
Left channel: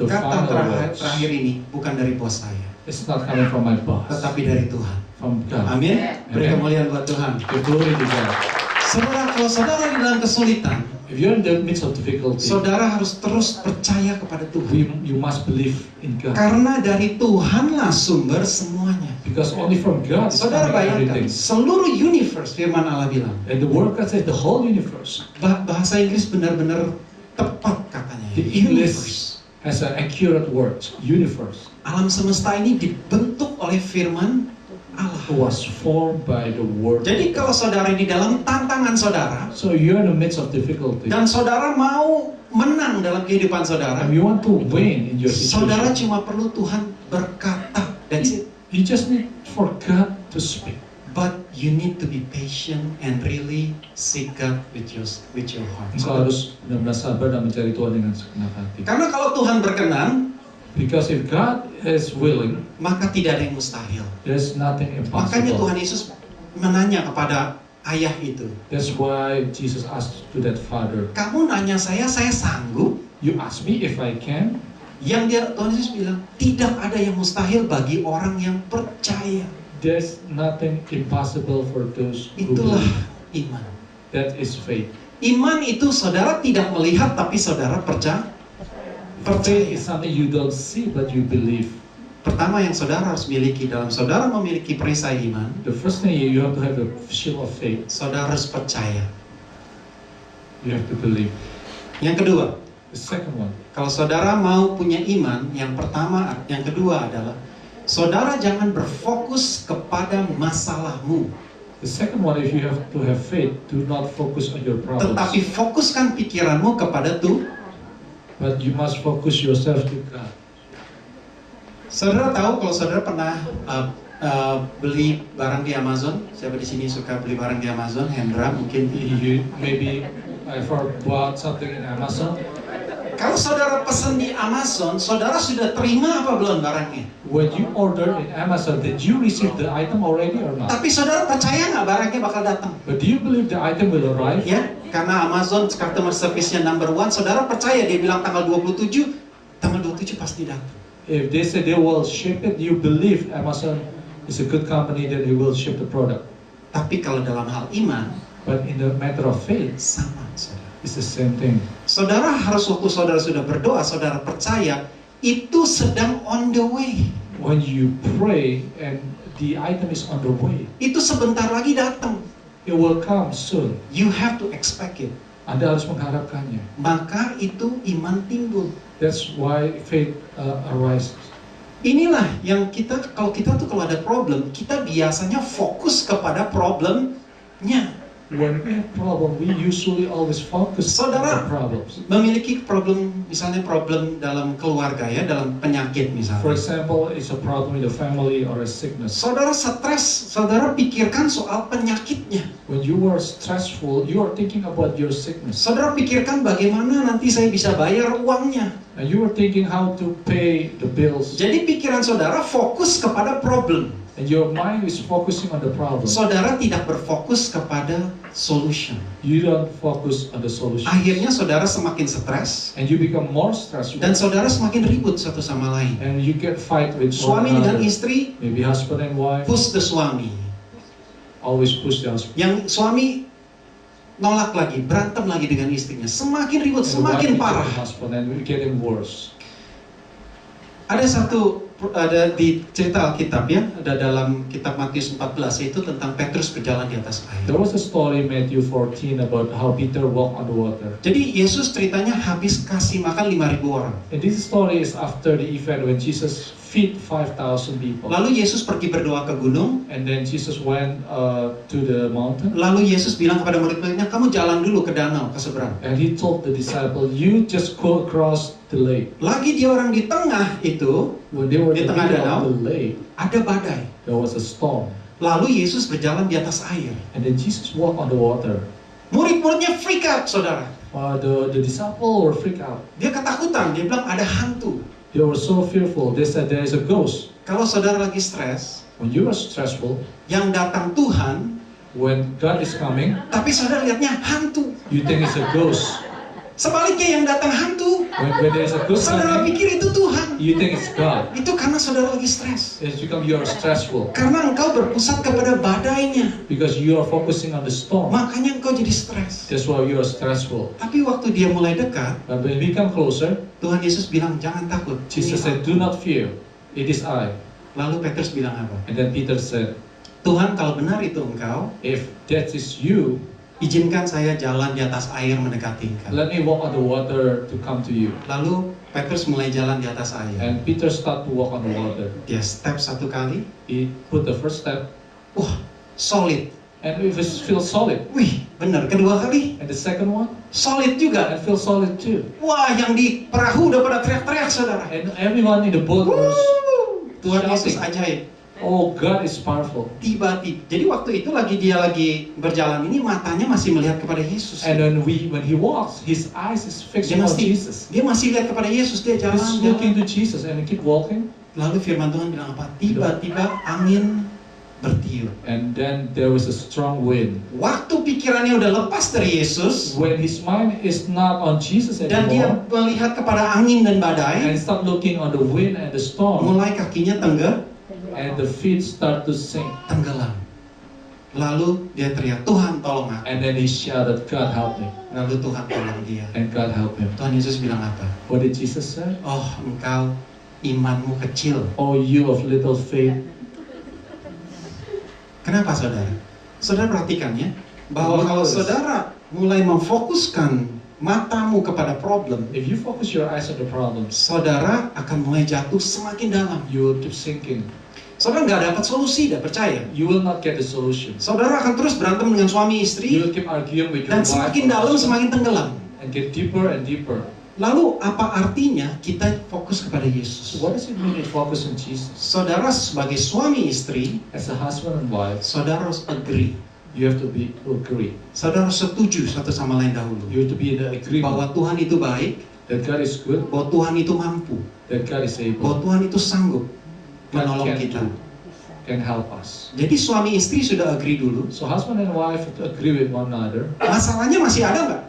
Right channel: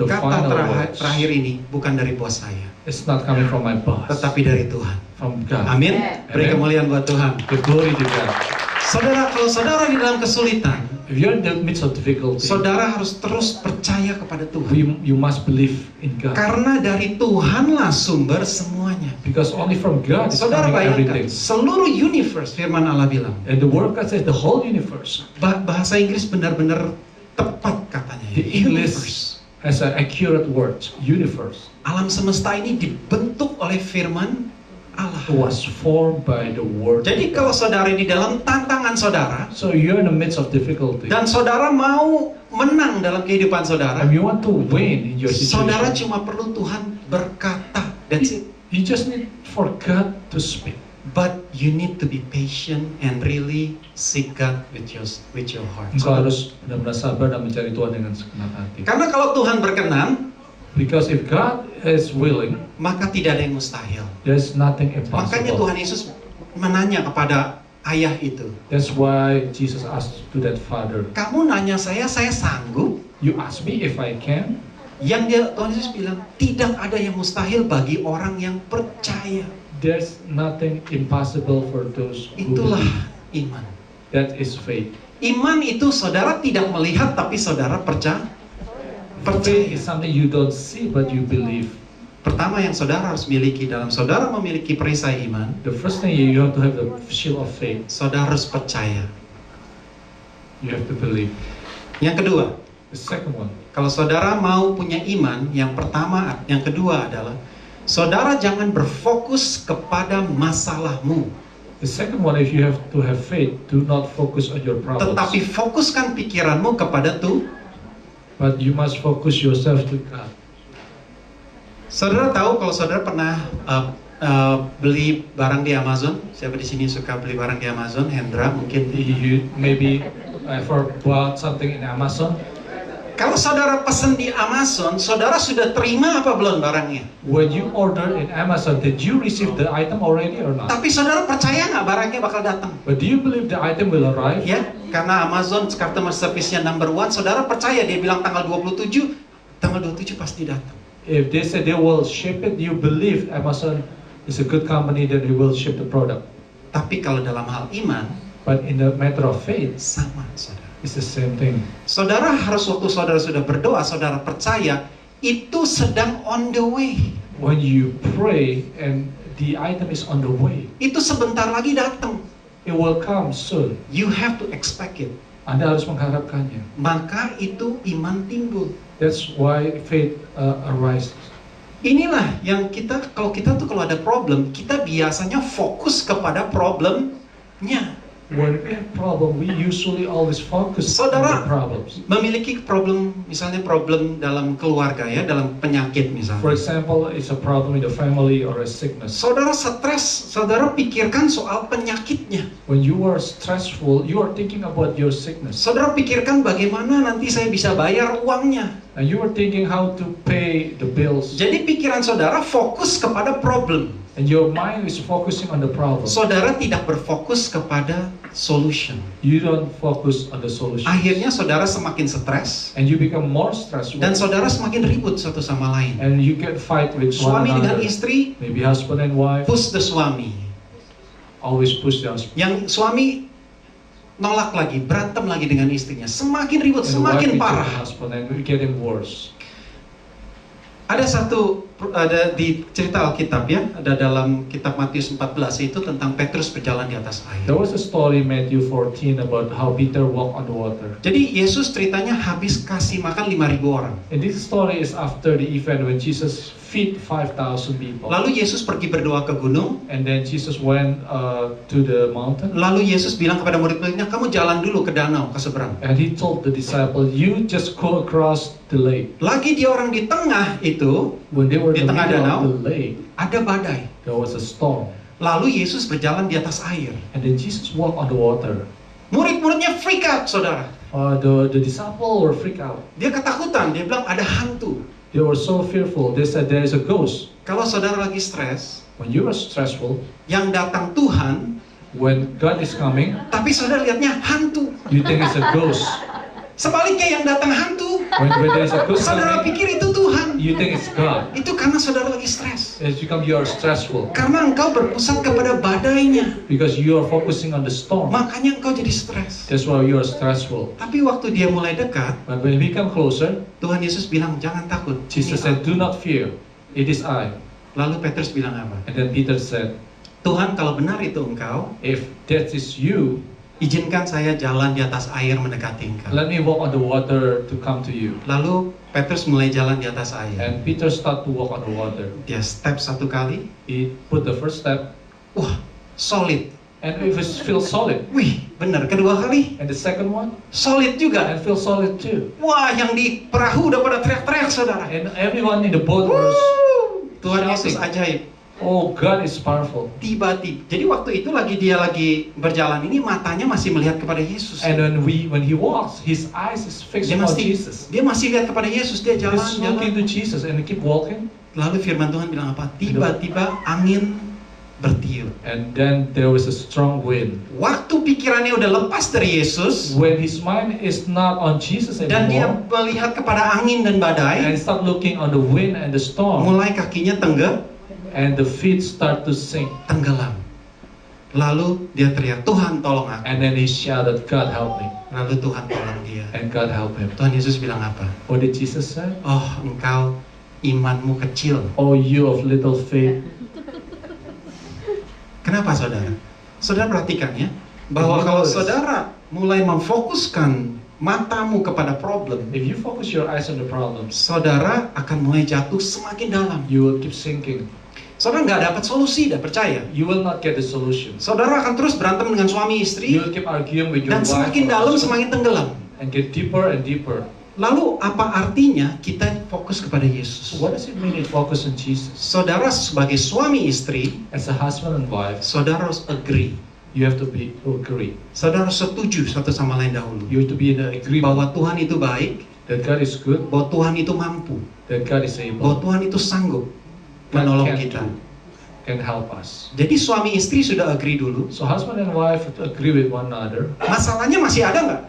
the kata final words, terakhir ini bukan dari bos saya, it's not coming from my boss, tetapi dari Tuhan. from God. Amin. Beri Amen. kemuliaan buat Tuhan. Give glory to God. Saudara, kalau saudara di dalam kesulitan, If you're in the midst of difficulty, saudara harus terus percaya kepada Tuhan. you must believe in God. Karena dari Tuhanlah sumber semuanya. Because only from God is Saudara coming bayangkan, everything. seluruh universe, firman Allah bilang. And the word God says the whole universe. Bahasa Inggris benar-benar tepat katanya. The English has an accurate word, universe, Alam semesta ini dibentuk oleh firman Allah. was formed by the word. Jadi kalau saudara di dalam tantangan saudara, So you're in the midst of difficulty, dan saudara mau menang dalam kehidupan saudara, and you want to win in your saudara situation. cuma perlu Tuhan berkata. That's it. You just need for God to speak. But you need to be patient and really seek God with your heart. Engkau harus benar-benar sabar dan mencari Tuhan dengan segenap hati. Karena kalau Tuhan berkenan, Because if God is willing, maka tidak ada yang mustahil. there's nothing Makanya impossible. Tuhan Yesus menanya kepada ayah itu, That's why Jesus asked to that father, kamu nanya saya sanggup? you ask me if I can? Yang Tuhan Yesus bilang, tidak ada yang mustahil bagi orang yang percaya. There's nothing impossible for those who Itulah believe. iman. That is faith. Iman itu saudara tidak melihat tapi saudara percaya. Faith is something you don't see but you believe. Pertama yang saudara harus miliki dalam saudara memiliki perisai iman, The first thing you have to have the shield of faith. saudara harus percaya. You have to believe. Yang kedua, The second one, kalau saudara mau punya iman, yang kedua adalah saudara jangan berfokus kepada masalahmu, the second one, if you have to have faith, do not focus on your problems, tetapi fokuskan pikiranmu kepada Tuhan. but you must focus yourself to God. Saudara tahu kalau saudara pernah beli barang di Amazon? Siapa di sini suka beli barang di Amazon? Hendra mungkin. You maybe ever bought something in Amazon. Kalau saudara pesan di Amazon, saudara sudah terima apa belum barangnya? When you order in Amazon, did you receive the item already or not? Tapi saudara percaya nggak barangnya bakal datang? But do you believe the item will arrive? Ya, karena Amazon customer service-nya number one, saudara percaya dia bilang tanggal 27 pasti datang. If they say they will ship it, you believe Amazon is a good company that they will ship the product. Tapi kalau dalam hal iman, But in the matter of faith, sama saudara. it's the same thing. Saudara harus waktu saudara sudah berdoa, saudara percaya itu sedang on the way. When you pray and the item is on the way, Itu sebentar lagi datang. it will come soon. You have to expect it. Anda harus mengharapkannya. Maka itu iman timbul. That's why faith arises. Inilah yang kalau kita ada problem, kita biasanya fokus kepada problemnya. When we have problem, we usually always focus on Saudara, the problems. memiliki problem, misalnya problem dalam keluarga ya, dalam penyakit For misalnya. example, it's a problem in the family or a sickness. Saudara stres, saudara pikirkan soal penyakitnya. When you are stressful, you are thinking about your sickness. Saudara pikirkan bagaimana nanti saya bisa bayar uangnya. And you are thinking how to pay the bills. Jadi pikiran saudara fokus kepada problem. And your mind is focusing on the problem. Saudara tidak berfokus kepada solution. You don't focus on the solution. Akhirnya saudara semakin stres And you become more stressful. dan saudara semakin ribut satu sama lain. And you get fight with Suami one dengan another. istri, Maybe husband and wife push the suami. always push the husband. Yang suami nolak lagi, berantem lagi dengan istrinya. Semakin ribut, And the wife semakin reject parah. the husband and it's getting worse. Ada di cerita Alkitab ya, ada dalam kitab Matius 14 itu tentang Petrus berjalan di atas air. There was a story in Matthew 14 about how Peter walked on the water. Jadi Yesus ceritanya habis kasih makan 5.000 orang. And this story is after the event when Jesus feed 5,000 people. Lalu Yesus pergi berdoa ke gunung. And then Jesus went to the mountain. Lalu Yesus bilang kepada murid-muridnya, kamu jalan dulu ke danau, ke seberang. And he told the disciple, you just go across the lake. Lagi dia orang di tengah itu, When they were Di in the tengah middle danau. of the lake, ada badai. there was a storm. Lalu Yesus berjalan di atas air. And then Jesus walked on the water. Murid-muridnya freak out, saudara. The disciple were freaked out. Dia ketakutan, dia bilang ada hantu. They were so fearful. They said there is a ghost. Kalau saudara lagi stres, When you are stressful, yang datang Tuhan, when God is coming, tapi saudara lihatnya hantu. you think it's a ghost. Sebaliknya yang datang hantu, When there is a ghost saudara coming, pikir itu Tuhan. you think it's God. Itu karena saudara lagi stres. It's because you are stressful. Karena engkau berpusat kepada badainya. Because you are focusing on the storm. Makanya engkau jadi stres. That's why you are stressful. Tapi waktu dia mulai dekat, But when we come closer, Tuhan Yesus bilang, jangan takut. Jesus Ini said, aku." do not fear. It is I. Lalu Petrus bilang apa? And then Peter said, Tuhan, kalau benar itu engkau, if that is you, izinkan saya jalan di atas air mendekati engkau. let me walk on the water to come to you. Lalu Petrus mulai jalan di atas air. And Peter started to walk on the water. Dia step satu kali, He put the first step, wah, solid. and it feels solid. Wih, benar. Kedua kali, And the second one, solid juga. and feels solid too. Wah, yang di perahu udah pada teriak-teriak, saudara. And everyone in the boat was Wuh, Tuhan shouting. Yesus ajaib. Oh, God is powerful. Tiba-tiba, jadi waktu itu dia lagi berjalan ini matanya masih melihat kepada Yesus. And when he walks, his eyes is fixed Dia on masih, Jesus. dia masih lihat kepada Yesus, dia He's looking jalan. to Jesus and he keep walking. Lalu firman Tuhan bilang apa? Tiba-tiba angin bertiup. And then there was a strong wind. Waktu pikirannya udah lepas dari Yesus When his mind is not on Jesus dan dia anymore, melihat kepada angin dan and badai, start looking on the wind and the storm, mulai kakinya and the feet start to sink. tenggelam. Lalu dia teriak, Tuhan tolong aku. And then he shouted, God help me. Lalu Tuhan tolong dia. And God help him. Tuhan Yesus bilang apa? What did Jesus say? Oh, engkau imanmu kecil. Oh, you of little faith. Kenapa saudara? Saudara perhatikan ya, bahwa kalau saudara mulai memfokuskan matamu kepada problem, If you focus your eyes on the problems, saudara akan mulai jatuh semakin dalam. you will keep sinking. Saudara nggak dapat solusi, dah percaya. You will not get the solution. Saudara akan terus berantem dengan suami You istri, will keep arguing with your dan wife semakin or dalam husband semakin tenggelam. and get deeper and deeper. Lalu apa artinya kita fokus kepada So Yesus? what does it mean to focus on Jesus? Saudara sebagai suami istri, As a husband and wife, saudara harus agree. you have to agree. Saudara harus setuju satu sama lain dahulu. You have to be in the agreement Bahwa Tuhan itu baik, that God is good, bahwa Tuhan itu mampu, that God is bahwa able, Tuhan itu sanggup God menolong can kita. do, can help us. Jadi suami istri sudah agree dulu. So husband and wife have to agree with one another. Masalahnya masih ada nggak?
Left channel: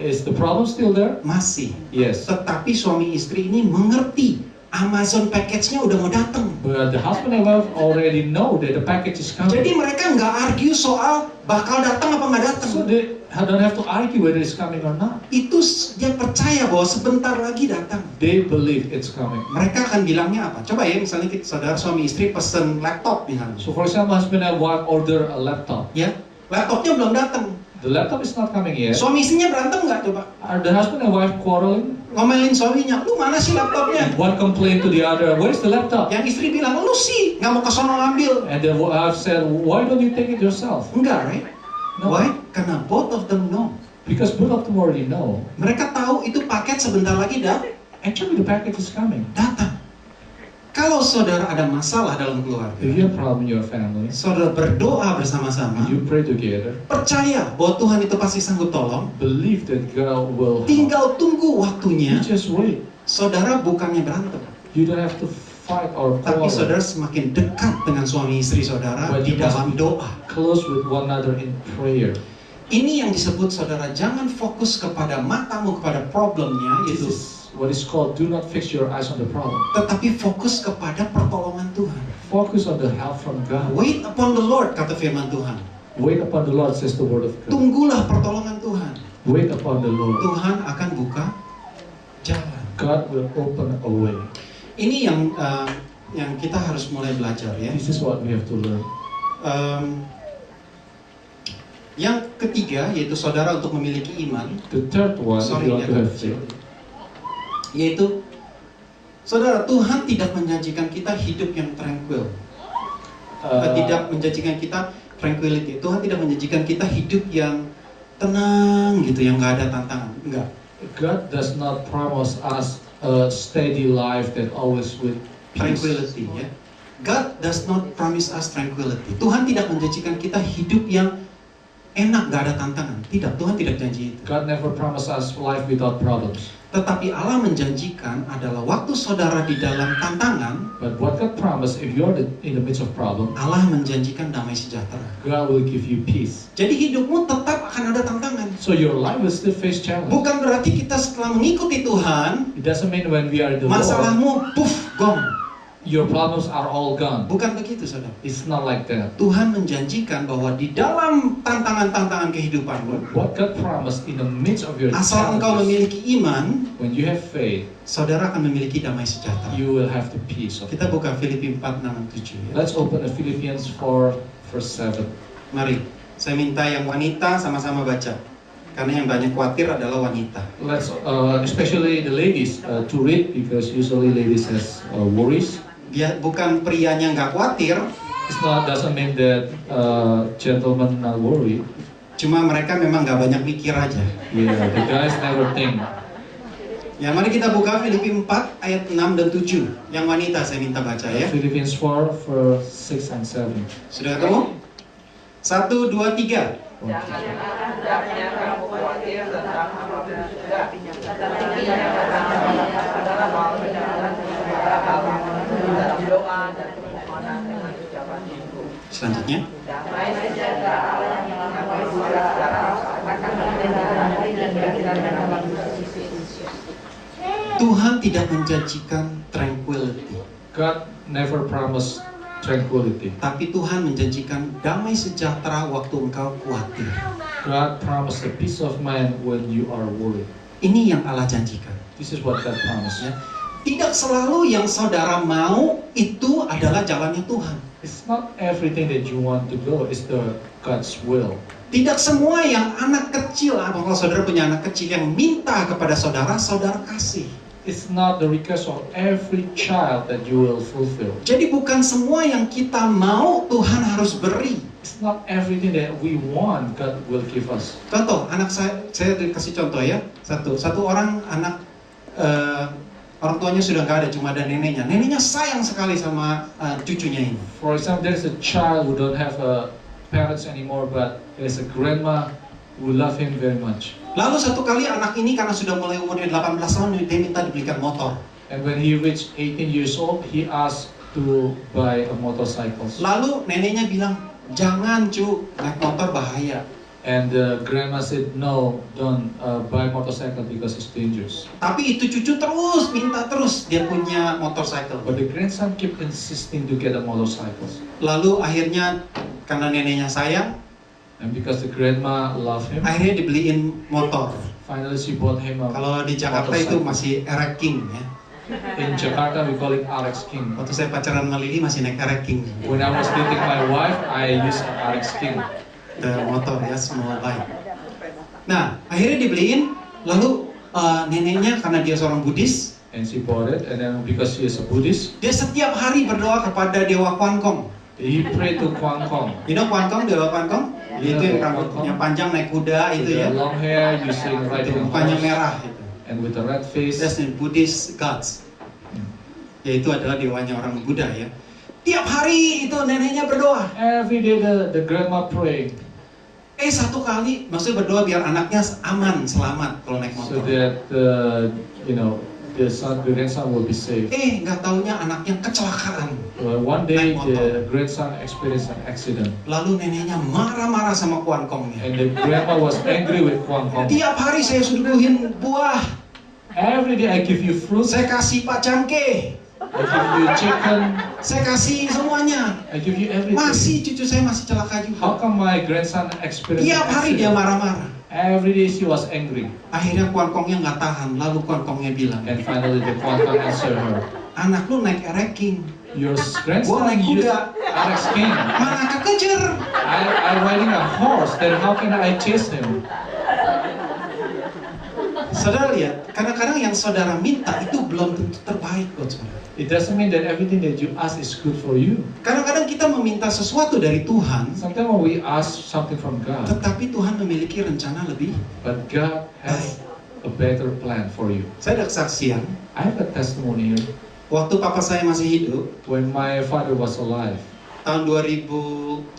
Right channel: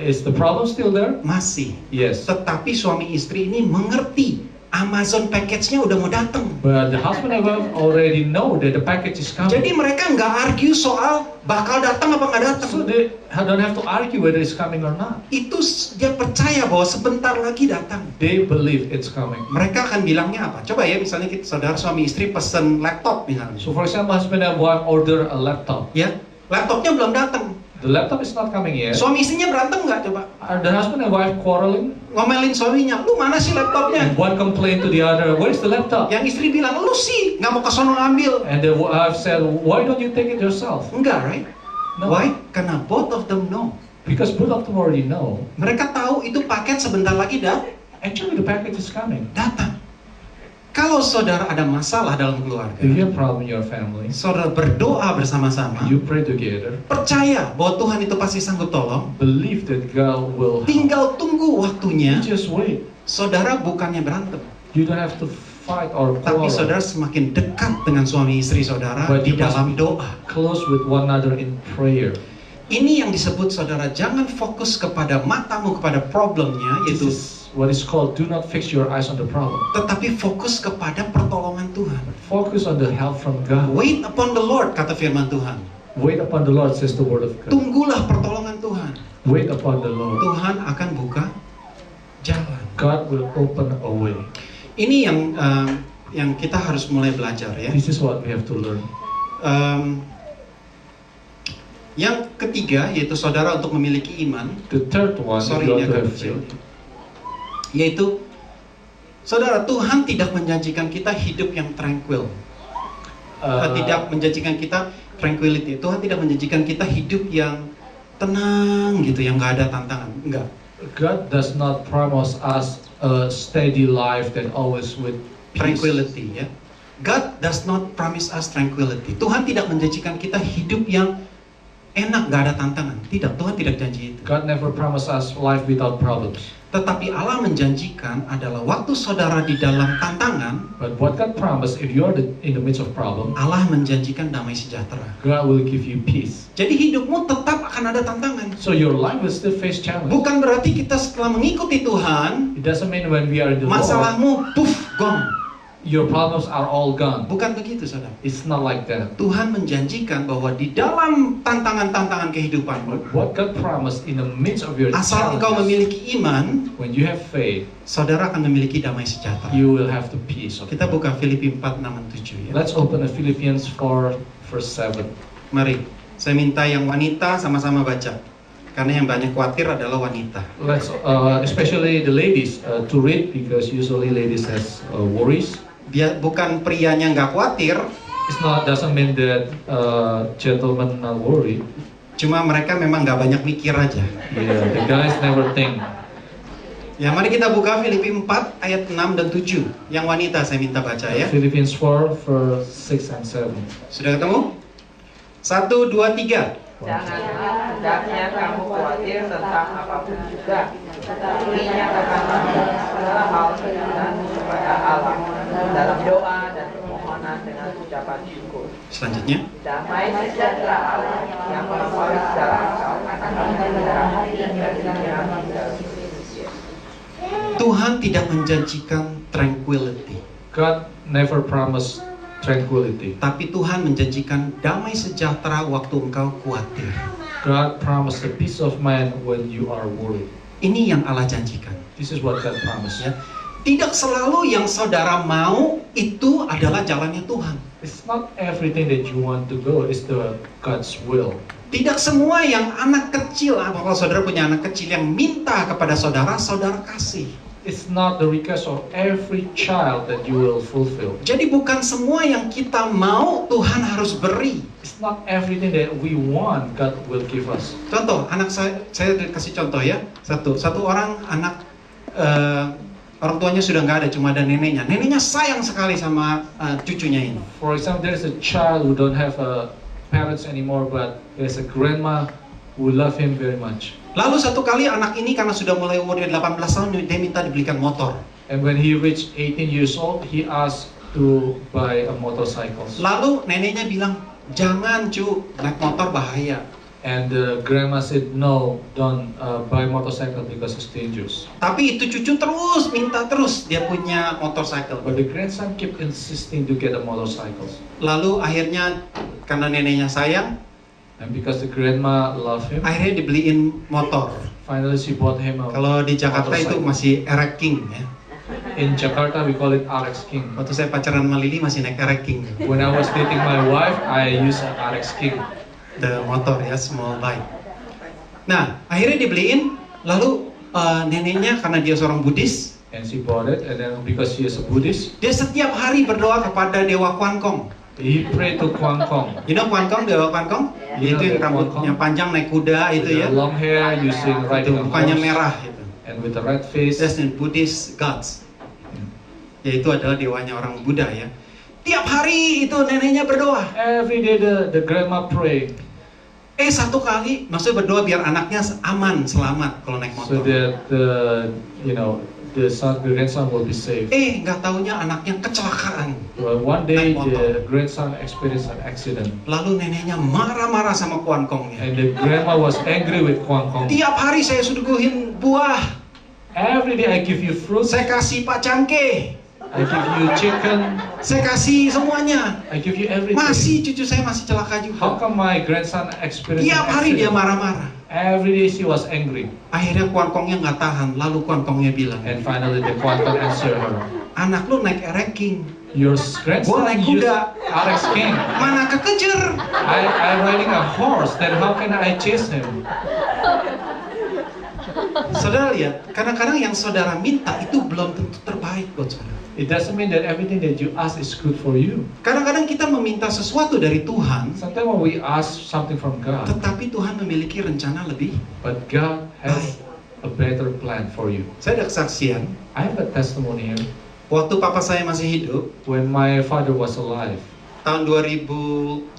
Is the problem still there? Masih. Yes. Tetapi suami istri ini mengerti Amazon package-nya udah mau datang. But the husband and wife already know that the package is coming. Jadi mereka nggak argue soal bakal datang apa nggak datang. So they don't have to argue whether it's coming or not. Itu dia percaya bahwa sebentar lagi datang. They believe it's coming. Mereka akan bilangnya apa? Coba ya, misalnya saudara suami istri pesen laptop misalnya. So for example, husband and wife order a laptop. Ya, laptopnya belum datang. The laptop is not coming yet. Suami istrinya berantem nggak coba? Are the husband and wife quarreling? Ngomelin suaminya, lu mana sih laptopnya? And one complain to the other, where's the laptop? Yang istri bilang, lu sih nggak mau ke sono ngambil. And the wife said, why don't you take it yourself? Enggak, right? No. Why? Karena both of them know. Because both of them already know. Mereka tahu itu paket sebentar lagi Actually, the package is coming. datang. Kalau saudara ada masalah dalam keluarga, If you have problem in your family, saudara berdoa bersama-sama, you pray together, percaya bahwa Tuhan itu pasti sanggup tolong, believe that God will help. tinggal tunggu You waktunya. just wait. Saudara bukannya berantem, You don't have to fight or tapi quarrel. saudara semakin dekat dengan suami istri saudara But di you must dalam be doa. close with one another in prayer. Ini yang disebut saudara jangan fokus kepada matamu kepada problemnya, This yaitu is what is called do not fix your eyes on the problem. tetapi fokus kepada pertolongan Tuhan. Focus on the help from God. Wait upon the Lord, kata firman Tuhan. Wait upon the Lord, says the word of God. Tunggulah pertolongan Tuhan. Wait upon the Lord. Tuhan akan buka jalan. God will open a way. Ini yang kita harus mulai belajar ya. This is what we have to learn. Yang ketiga yaitu saudara untuk memiliki iman. The third one, if Sorry, you ini want to agak have kecil. faith, Yaitu saudara, Tuhan tidak menjanjikan kita hidup yang tranquil. Tidak menjanjikan kita tranquility. Tuhan tidak menjanjikan kita hidup yang tenang gitu, yang nggak ada tantangan. Enggak. God does not promise us a steady life that always with peace. Tranquility ya. God does not promise us tranquility. Tuhan tidak menjanjikan kita hidup yang enak, nggak ada tantangan. Tidak, Tuhan tidak janji itu. God never promised us life without problems. Tetapi Allah menjanjikan adalah waktu saudara di dalam tantangan, But what God promised, if you're in the midst of problem, Allah menjanjikan damai sejahtera. God will give you peace. Jadi hidupmu tetap akan ada tantangan. So your life will still face challenge. Bukan berarti kita setelah mengikuti Tuhan, It doesn't mean when we are in the Lord, masalahmu puff gong. your problems are all gone. Bukan begitu, saudara. It's not like that. Tuhan menjanjikan bahwa di dalam tantangan-tantangan kehidupanmu, What God promised in the midst of your asal engkau challenges, memiliki iman, when you have faith, saudara akan memiliki damai sejahtera. you will have the peace of Kita God. buka Filipi 4, 6, 7 ya. Let's open the Philippians 4, verse 7. Mari, saya minta yang wanita sama-sama baca. Karena yang banyak khawatir adalah wanita. Let's, especially the ladies, to read, because usually ladies has worries. Dia bukan prianya nggak khawatir, It's not doesn't mean that gentlemen not worried. cuma mereka memang nggak banyak mikir aja. Yeah, the guys never think. Ya, mari kita buka Filipi 4 ayat 6 dan 7. Yang wanita saya minta baca ya. Philippians 4, verse 6 and 7. Sudah ketemu? 1, 2, 3. Janganlah hendaknya kamu khawatir tentang apapun juga. Tapi nyatakan segala hal dengan kepada Allah dalam doa dan permohonan dengan ucapan syukur. Selanjutnya. Damai sejahtera Allah yang melampaui segala akal akan menyerahkan dan menyerahkan Yesus. Tuhan tidak menjanjikan tranquility, God never promised tranquility. tapi Tuhan menjanjikan damai sejahtera waktu engkau khawatir. God promised a peace of mind when you are worried. Ini yang Allah janjikan. This is what God promised. Ya. Tidak selalu yang saudara mau itu adalah jalannya Tuhan. It's not everything that you want to go, it's the God's will. Tidak semua yang anak kecil, kalau saudara punya anak kecil yang minta kepada saudara, saudara kasih. It's not the request of every child that you will fulfill. Jadi bukan semua yang kita mau Tuhan harus beri. It's not everything that we want God will give us. Contoh, anak saya kasih contoh ya. Satu orang anak orang tuanya sudah nggak ada, cuma ada neneknya. Neneknya sayang sekali sama cucunya ini. For example, there's a child who don't have parents anymore, but there's a grandma who love him very much. Lalu satu kali anak ini karena sudah mulai umurnya 18 tahun, dia minta dibelikan motor. And when he reached 18 years old, he asked to buy a motorcycle. Lalu neneknya bilang, jangan cu, naik motor bahaya. And the grandma said, no, don't buy motorcycle because it's dangerous. Tapi itu cucu terus minta terus dia punya motorcycle. But the grandson kept insisting to get a motorcycle. Lalu akhirnya karena neneknya sayang, And because the grandma loved him, akhirnya dibeliin motor. finally she bought him a Kalau di Jakarta itu motorcycle. masih Erek King ya. In Jakarta, we call it RX King. Waktu saya pacaran sama Lili masih naik Erek King. When I was dating my wife, I used an RX King. The motor ya, small bike. Nah, akhirnya dibeliin. Lalu neneknya karena dia seorang Buddhis, And she bought it, and then because she is a Buddhist, dia setiap hari berdoa kepada Dewa Kwan Kong. he prayed to Kwang Kong. You know Kwan Kong, Dewa Kwan Kong? Iya, Itu yang Dewa rambutnya Kwan Kong. panjang naik kuda With itu the ya. long hair, using Itu riding a mukanya horse, merah itu. and with the red face. That's the Buddhist gods. Yaitu adalah dewanya orang Buddha ya. Tiap hari itu neneknya berdoa. Every day the grandma prayed Satu kali maksudnya berdoa biar anaknya aman, selamat kalau naik so motor. that the grandson will be safe. Nggak taunya anaknya kecelakaan. Well, one day Naik motor. the grandson experienced an accident, Lalu neneknya marah-marah sama Kwan Kongnya. and the grandma was angry with Kwang Kong. Tiap hari saya suguhin buah, Every day I give you fruits, saya kasih Pak Cangke, I give you chicken, saya kasih semuanya. I give you everything. Masih cucu saya masih celaka How juga. come my grandson experienced Tiap an hari dia accident? marah-marah. Every day she was angry, Akhirnya Kwan Kongnya nggak tahan. Lalu Kwan Kongnya bilang, and finally the Kwang Kong answered her, anak lu naik Erek King, your Gua grandson naik used kuda. RX King. mana kekejar? I riding a horse, then how can I chase him? Saudara lihat, kadang-kadang yang saudara minta itu belum tentu terbaik buat saudara. It doesn't mean that everything that you ask is good for you. Kadang-kadang kita meminta sesuatu dari Tuhan, Sometimes when we ask something from God, tetapi Tuhan memiliki rencana lebih. but God has a better plan for you. Saya ada kesaksian, I have a testimony here. waktu papa saya masih hidup, When my father was alive, tahun 2010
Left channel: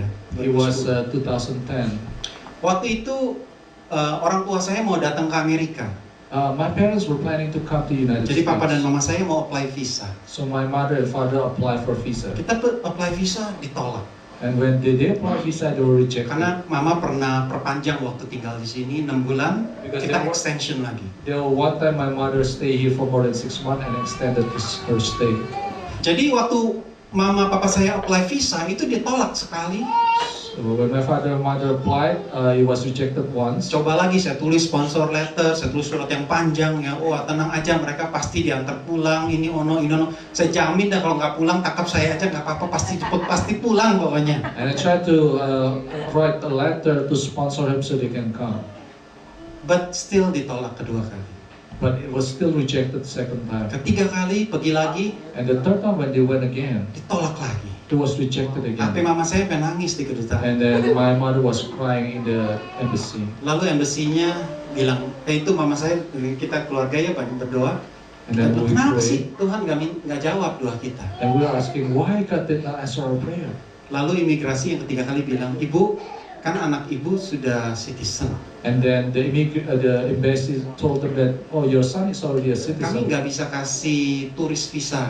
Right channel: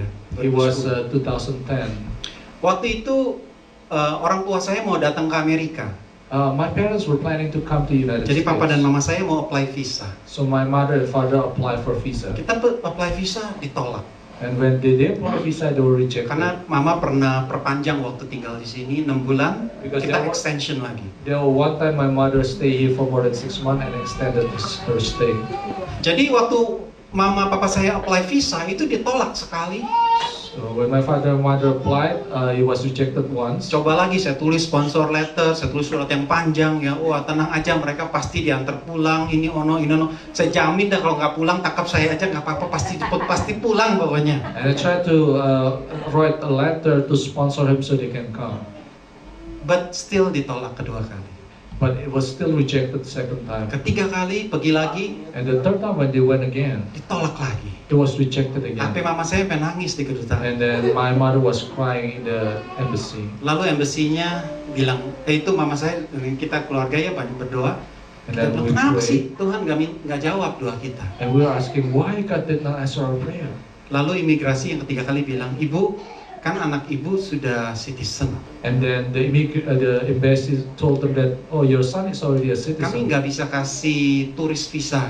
ya. it was 2010. 2010. Waktu itu orang tua saya mau datang ke Amerika. My parents were planning to come to United Jadi States. papa dan mama saya mau apply visa. So my mother and father applied for visa. Kita apply visa ditolak. And when they apply visa, they were rejected. Karena mama pernah perpanjang waktu tinggal di sini 6 bulan, Because kita they were- extension lagi. There were one time my mother stayed here for more than 6 months and extended her stay. Jadi waktu mama papa saya apply visa itu ditolak sekali. So when my father and mother applied, it was rejected once. Coba lagi saya tulis sponsor letter, saya tulis surat yang panjang ya. Wah tenang aja mereka pasti diantar pulang. Ini ono. Saya jamin dah kalau nggak pulang tangkap saya aja nggak apa-apa pasti pulang bawahnya. And I tried to write a letter to sponsor him so they can come. But still ditolak kedua kali. But it was still rejected the second time. Ketiga kali pergi lagi And the third time when they went again, ditolak lagi. It was rejected Sampai again. mama saya pengen nangis di kedutaan. And then my mother was crying in the embassy. Lalu embassy-nya bilang, itu mama saya, kita keluarga ya banyak berdoa. And Kita then bilang, we kenapa prayed. sih Tuhan nggak jawab doa kita? And we were asking why God did not answer our prayer. Lalu imigrasi yang ketiga kali bilang, ibu, kan anak ibu sudah citizen. And then the embassy told them that, oh, your son is already a Kami citizen. nggak bisa kasih turis visa.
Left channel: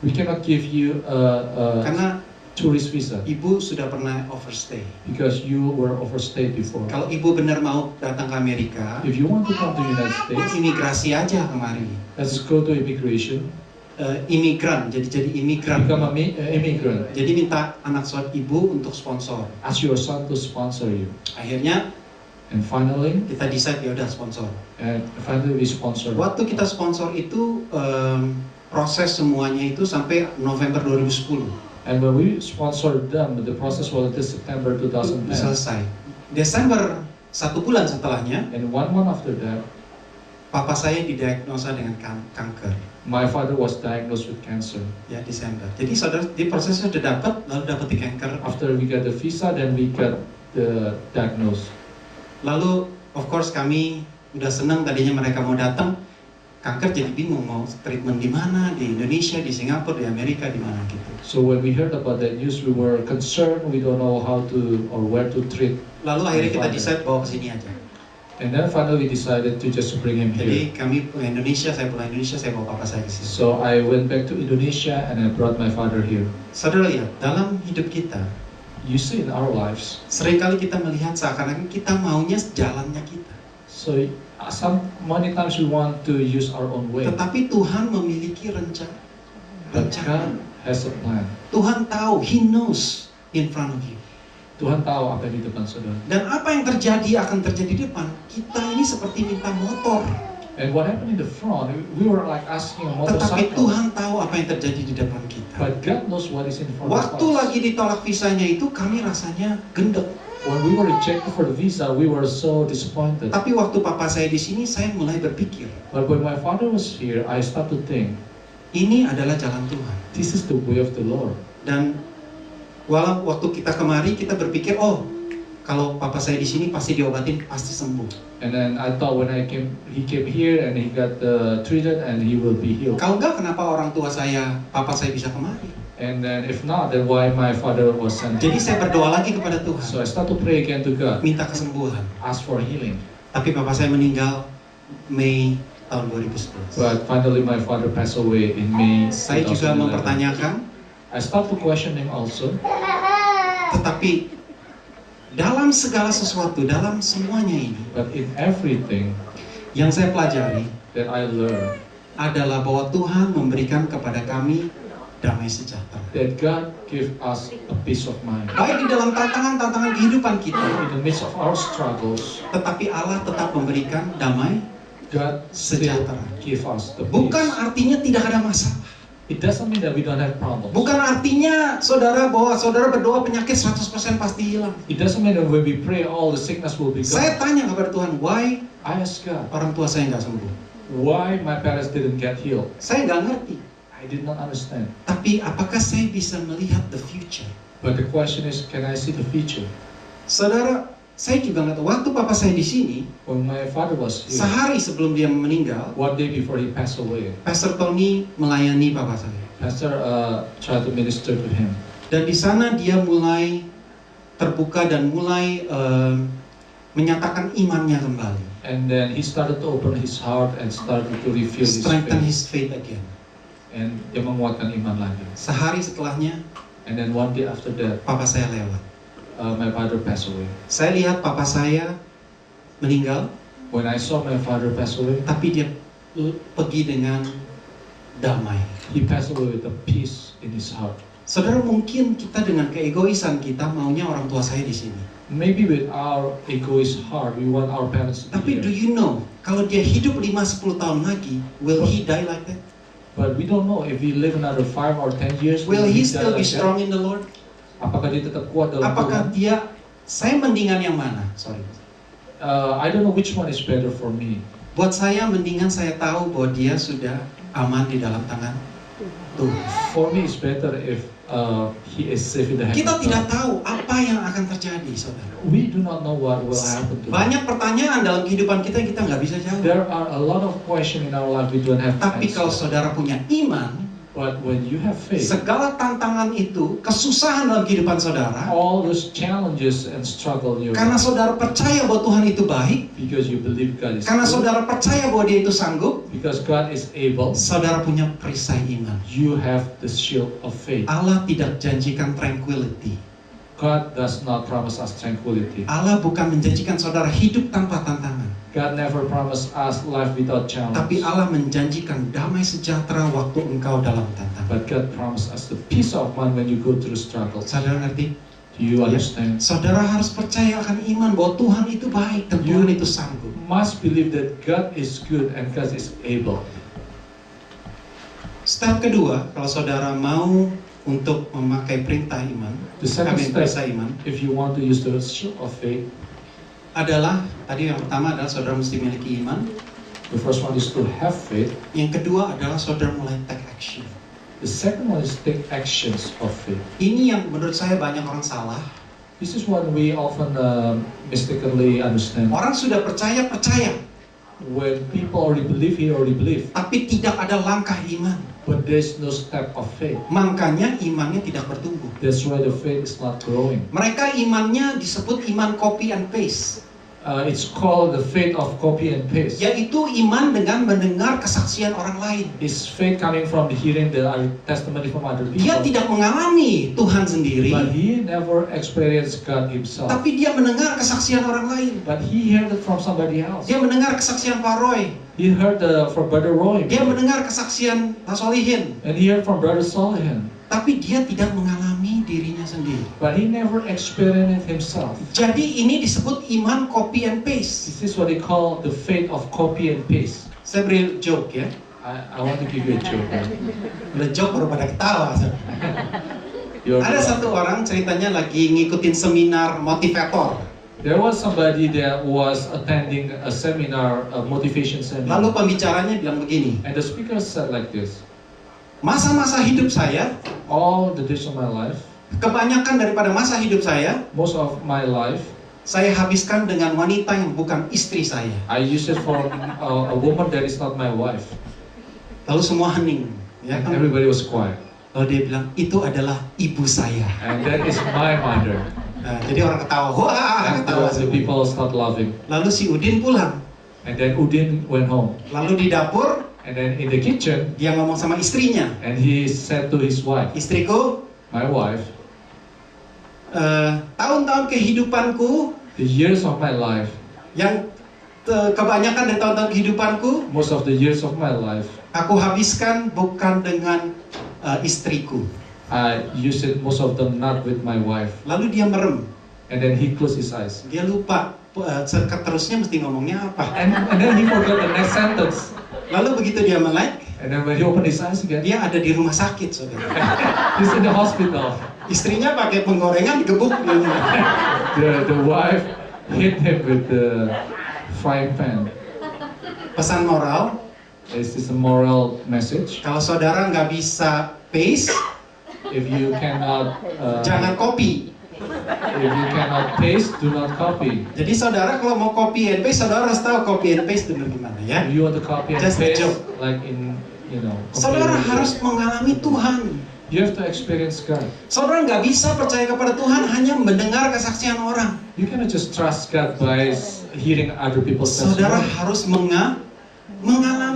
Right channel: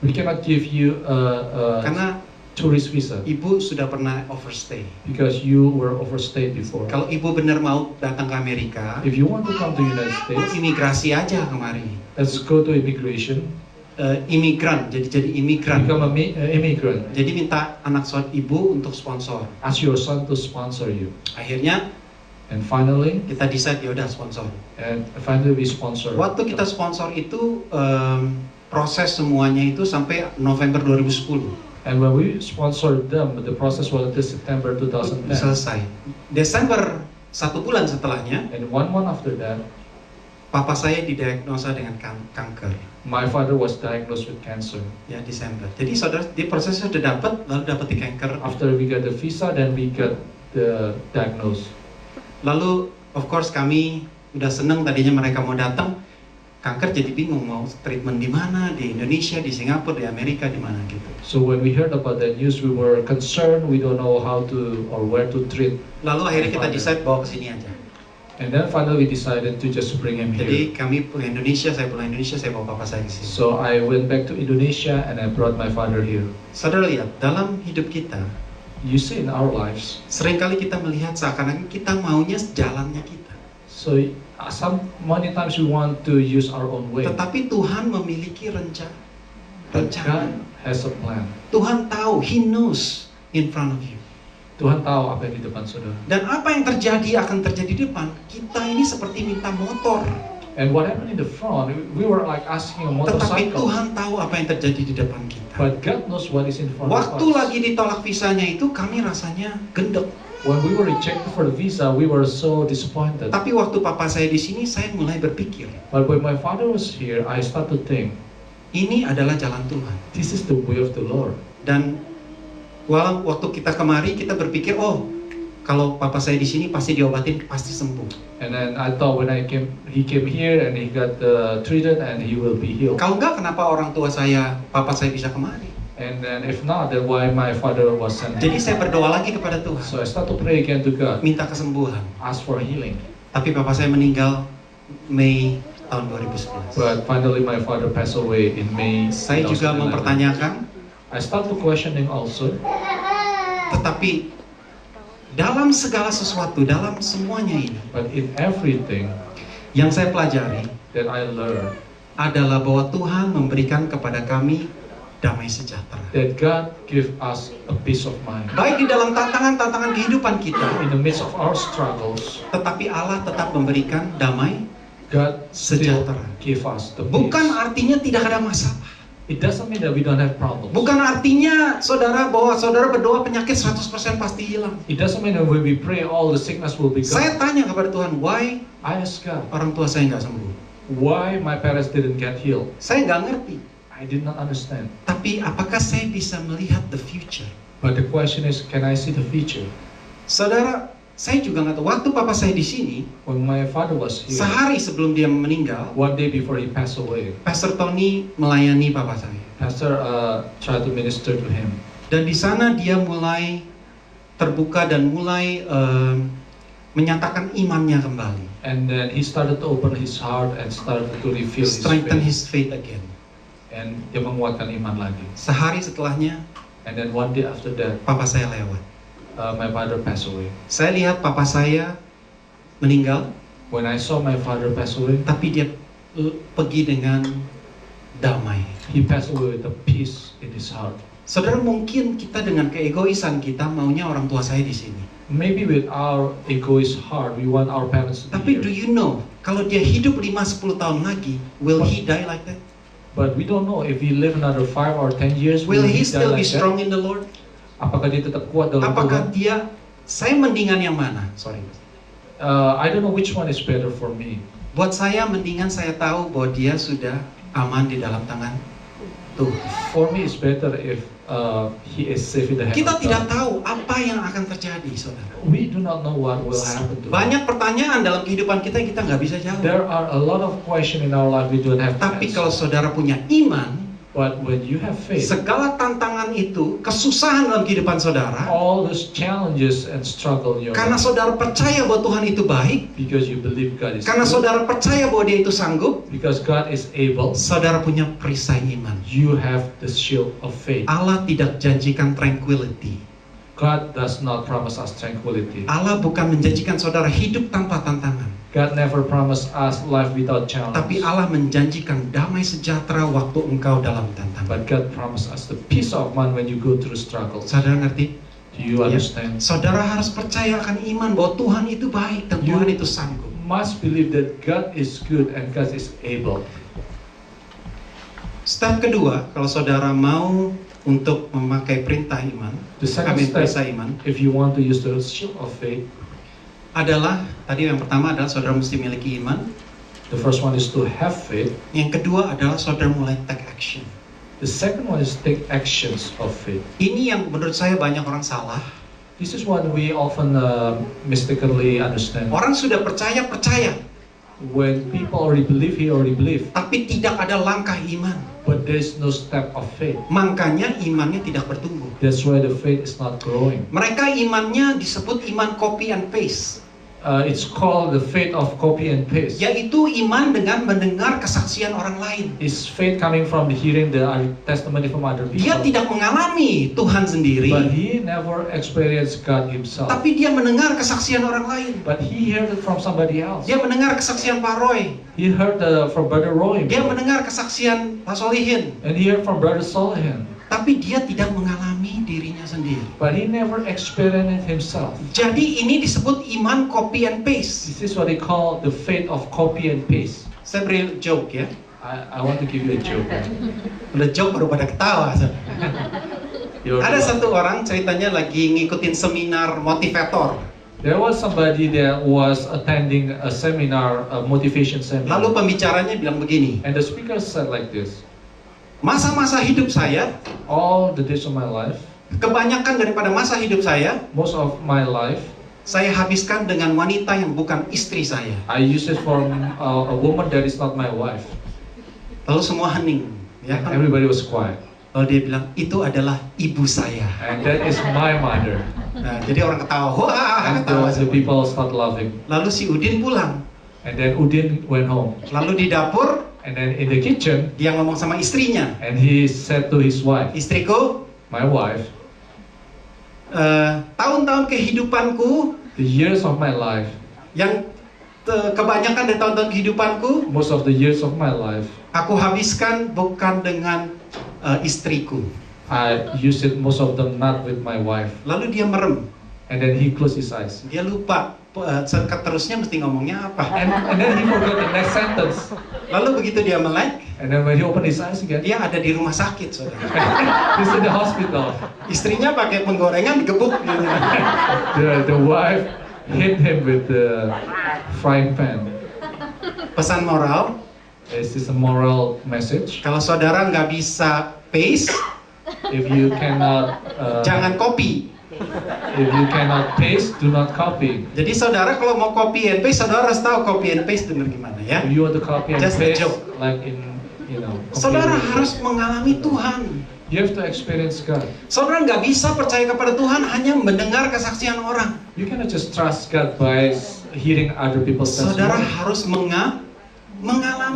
We cannot give you a Karena tourist visa ibu sudah pernah overstay. because you were overstayed before. Kalau ibu benar mau datang ke Amerika, If you want to come to United ibu States, imigrasi aja kemari. let's go to immigration, Imigran, jadi imigran. become an immigrant, Jadi minta anak suami ibu untuk sponsor. ask your son to sponsor you. Akhirnya And finally, kita decide ya udah sponsor. we sponsor. Waktu kita sponsor itu proses semuanya itu sampai November 2010 And when we sponsored them, the process was until September 2010. selesai. Desember 1 bulan setelahnya, And 1 month after that, papa saya didiagnosa dengan kanker. my father was diagnosed with cancer. Ya Desember. Jadi saudara di prosesnya sudah dapat, lalu dapat di kanker. After we got the visa, then we got the diagnosis. Lalu of course kami udah seneng tadinya mereka mau datang. Kanker jadi bingung mau treatment di mana, di Indonesia, di Singapura, di Amerika, di mana gitu. So when we heard about that news, we were concerned. We don't know how to or where to treat. Lalu akhirnya kita decide bawa ke sini aja. And then finally we decided to just bring him here. Jadi kami pulang Indonesia, saya pulang Indonesia, saya bawa papa saya ke sini. So I went back to Indonesia and I brought my father here. Saudara lihat, dalam hidup kita, You see in our lives, seringkali kita melihat seakan-akan kita maunya jalannya kita. so many times we want to use our own way. Tetapi Tuhan memiliki rencana. But God has a plan. Tuhan tahu, He knows in front of you. Tuhan tahu apa yang di depan saudara. Dan apa yang terjadi akan terjadi di depan. Kita ini seperti minta motor. And what happened in the front, we were like asking a Tetapi motorcycle. Tuhan tahu apa yang terjadi di depan kita. But God knows what is in front Waktu of us. lagi ditolak visanya itu kami rasanya gendek. When we were rejected for the visa, we were so disappointed. Tapi waktu papa saya di sini, saya mulai berpikir, But when my father was here, I started to think, ini adalah jalan Tuhan. this is the way of the Lord. Dan walau waktu kita kemari, kita berpikir, oh, kalau papa saya di sini pasti diobatin, pasti sembuh. And then I thought when he came here and he got treated and he will be healed. Kalau enggak, kenapa orang tua saya, papa saya bisa kemari? And then if not, then why my father was sent Jadi here? saya berdoa lagi kepada Tuhan, So I start to pray again to God, minta kesembuhan. ask for healing. Tapi papa saya meninggal Mei tahun 2011. But finally my father passed away in May. Saya juga 2011. mempertanyakan, I start to questioning also. tetapi dalam segala sesuatu, dalam semuanya ini, But in everything yang saya pelajari that I learned, adalah bahwa Tuhan memberikan kepada kami damai sejahtera. that God give us a peace of mind. Baik di dalam tantangan-tantangan kehidupan kita, In the midst of our struggles, tetapi Allah tetap memberikan damai. God still Sejahtera. give us the peace. Bukan artinya tidak ada masalah. It doesn't mean that we don't have problems. Bukan artinya saudara bahwa saudara berdoa penyakit 100% pasti hilang. It doesn't mean that when we pray all the sickness will be Saya gone. tanya kepada Tuhan, why I ask God, orang tua saya nggak sembuh? why my parents didn't get healed? Saya nggak ngerti. I did not understand. Tapi apakah saya bisa melihat the future? But the question is, can I see the future? Saudara, saya juga nggak tahu. Waktu papa saya di sini, When my father was here, sehari sebelum dia meninggal, one day before he passed away, Pastor Tony melayani papa saya. Pastor tried to minister to him. Dan di sana dia mulai terbuka dan mulai menyatakan imannya kembali. And then he started to open his heart and started to reveal his Strengthen faith. his faith again. And dia menguatkan iman lagi. Sehari setelahnya, And then one day after that, papa saya lewat. my father passed away. Saya lihat papa saya meninggal, When I saw my father pass away, tapi dia pergi dengan damai. he passed away with a peace in his heart. Saudara, mungkin kita dengan keegoisan kita maunya orang tua saya di sini. Maybe with our egoist heart, we want our parents to Tapi be do here. you know, kalau dia hidup 5-10 tahun lagi, will he die like that? But we don't know if he live another 5 or 10 years. Will he die still be like that? strong in the Lord? Apakah dia tetap kuat dalam Apakah Tuhan? dia, saya mendingan yang mana? Sorry. I don't know which one is better for me. Buat saya mendingan saya tahu bahwa dia sudah aman di dalam tangan Tuhan. For me, it's better if he is safe in the hand Kita of tidak God. tahu apa yang akan terjadi, saudara. We do not know what will happen to us. Banyak pertanyaan dalam kehidupan kita yang kita nggak bisa jawab. There are a lot of questions in our life we don't have to Tapi kalau answer. saudara punya iman, But when you have faith, segala tantangan itu, kesusahan dalam kehidupan saudara, all those challenges and struggle in your karena life, saudara percaya bahwa Tuhan itu baik, because you believe God is karena good, saudara percaya bahwa Dia itu sanggup, because God is able, saudara punya perisai iman. you have the shield of faith. Allah tidak janjikan tranquility. God does not promise us tranquility. Allah bukan menjanjikan saudara hidup tanpa tantangan. God never promised us life without challenge. Tapi Allah menjanjikan damai sejahtera waktu engkau dalam tantangan. But God promised us the peace of mind when you go through struggles. Saudara ngerti? Do you Ya. understand? Saudara harus percaya akan iman bahwa Tuhan itu baik dan You- Tuhan itu sanggup. Must believe that God is good and God is able. Step kedua, kalau saudara mau untuk memakai perintah iman, The second perisai step, iman, if you want to use the shield of faith, adalah, tadi yang pertama adalah saudara mesti miliki iman. the first one is to have faith. Yang kedua adalah saudara mulai take action. The second one is take actions of faith. Ini yang menurut saya banyak orang salah. This is what we often mistakenly understand. Orang sudah percaya, When people already believe, he already believe. tapi tidak ada langkah iman. But there's no step of faith. Makanya imannya tidak bertumbuh. That's why the faith is not growing. Mereka imannya disebut iman copy and paste. It's called the faith of copy and paste. Yaitu iman dengan mendengar kesaksian orang lain. Is faith coming from hearing the testimony from other Dia people? tidak mengalami Tuhan But sendiri, he never experienced God himself. tapi dia mendengar kesaksian orang lain. But he heard it from somebody else. Dia mendengar kesaksian Pak Roy. He heard from Brother Roy. Dia mendengar kesaksian Pak Solihin. And he heard from Brother Solihin. Tapi dia tidak mengalami dirinya sendiri. But he never experienced it himself. Jadi ini disebut iman copy and paste. This is what they call the faith of copy and paste. Saya beri joke ya. I want to give you a joke. Udah joke baru pada ketawa. Ada satu orang ceritanya lagi ngikutin seminar motivator. There was somebody that was attending a seminar, a motivation seminar. Lalu pembicaranya bilang begini, And the speaker said like this: masa-masa hidup saya, all the days of my life, kebanyakan daripada masa hidup saya, most of my life, saya habiskan dengan wanita yang bukan istri saya. I use it for a woman that is not my wife. Lalu semua hening. Ya, And kan? everybody was quiet. Lalu dia bilang, itu adalah ibu saya. And that is my mother. Nah, jadi orang ketawa, wah, And ketawa. the people start laughing. Lalu si Udin pulang. And then Udin went home. Lalu di dapur, And then in the kitchen, dia ngomong sama istrinya, and he said to his wife, istriku, my wife, tahun-tahun kehidupanku, the years of my life, yang kebanyakan dari tahun-tahun kehidupanku, most of the years of my life, aku habiskan bukan dengan istriku. I use it most of them not with my wife. Lalu dia merem, And then he closed his eyes. dia lupa seterusnya mesti ngomongnya apa. And then he forgot the next sentence. Lalu begitu dia melek, And then when he opened his eyes again, dia ada di rumah sakit, saudara. he's in the hospital. Istrinya pakai penggorengan digebuk dia. The wife hit him with the frying pan. Pesan moral, Is this a moral message? kalau saudara nggak bisa paste, If you cannot, jangan copy. if you cannot paste, do not copy. Jadi saudara kalau mau copy and paste, saudara harus tahu copy and paste benar gimana ya. If you want to copy and Just a paste, joke. like in, Saudara computer, harus mengalami Tuhan. you have to experience God. Saudara nggak bisa percaya kepada Tuhan hanya mendengar kesaksian orang. You cannot just trust God by hearing other people's Saudara testimony. harus mengalami.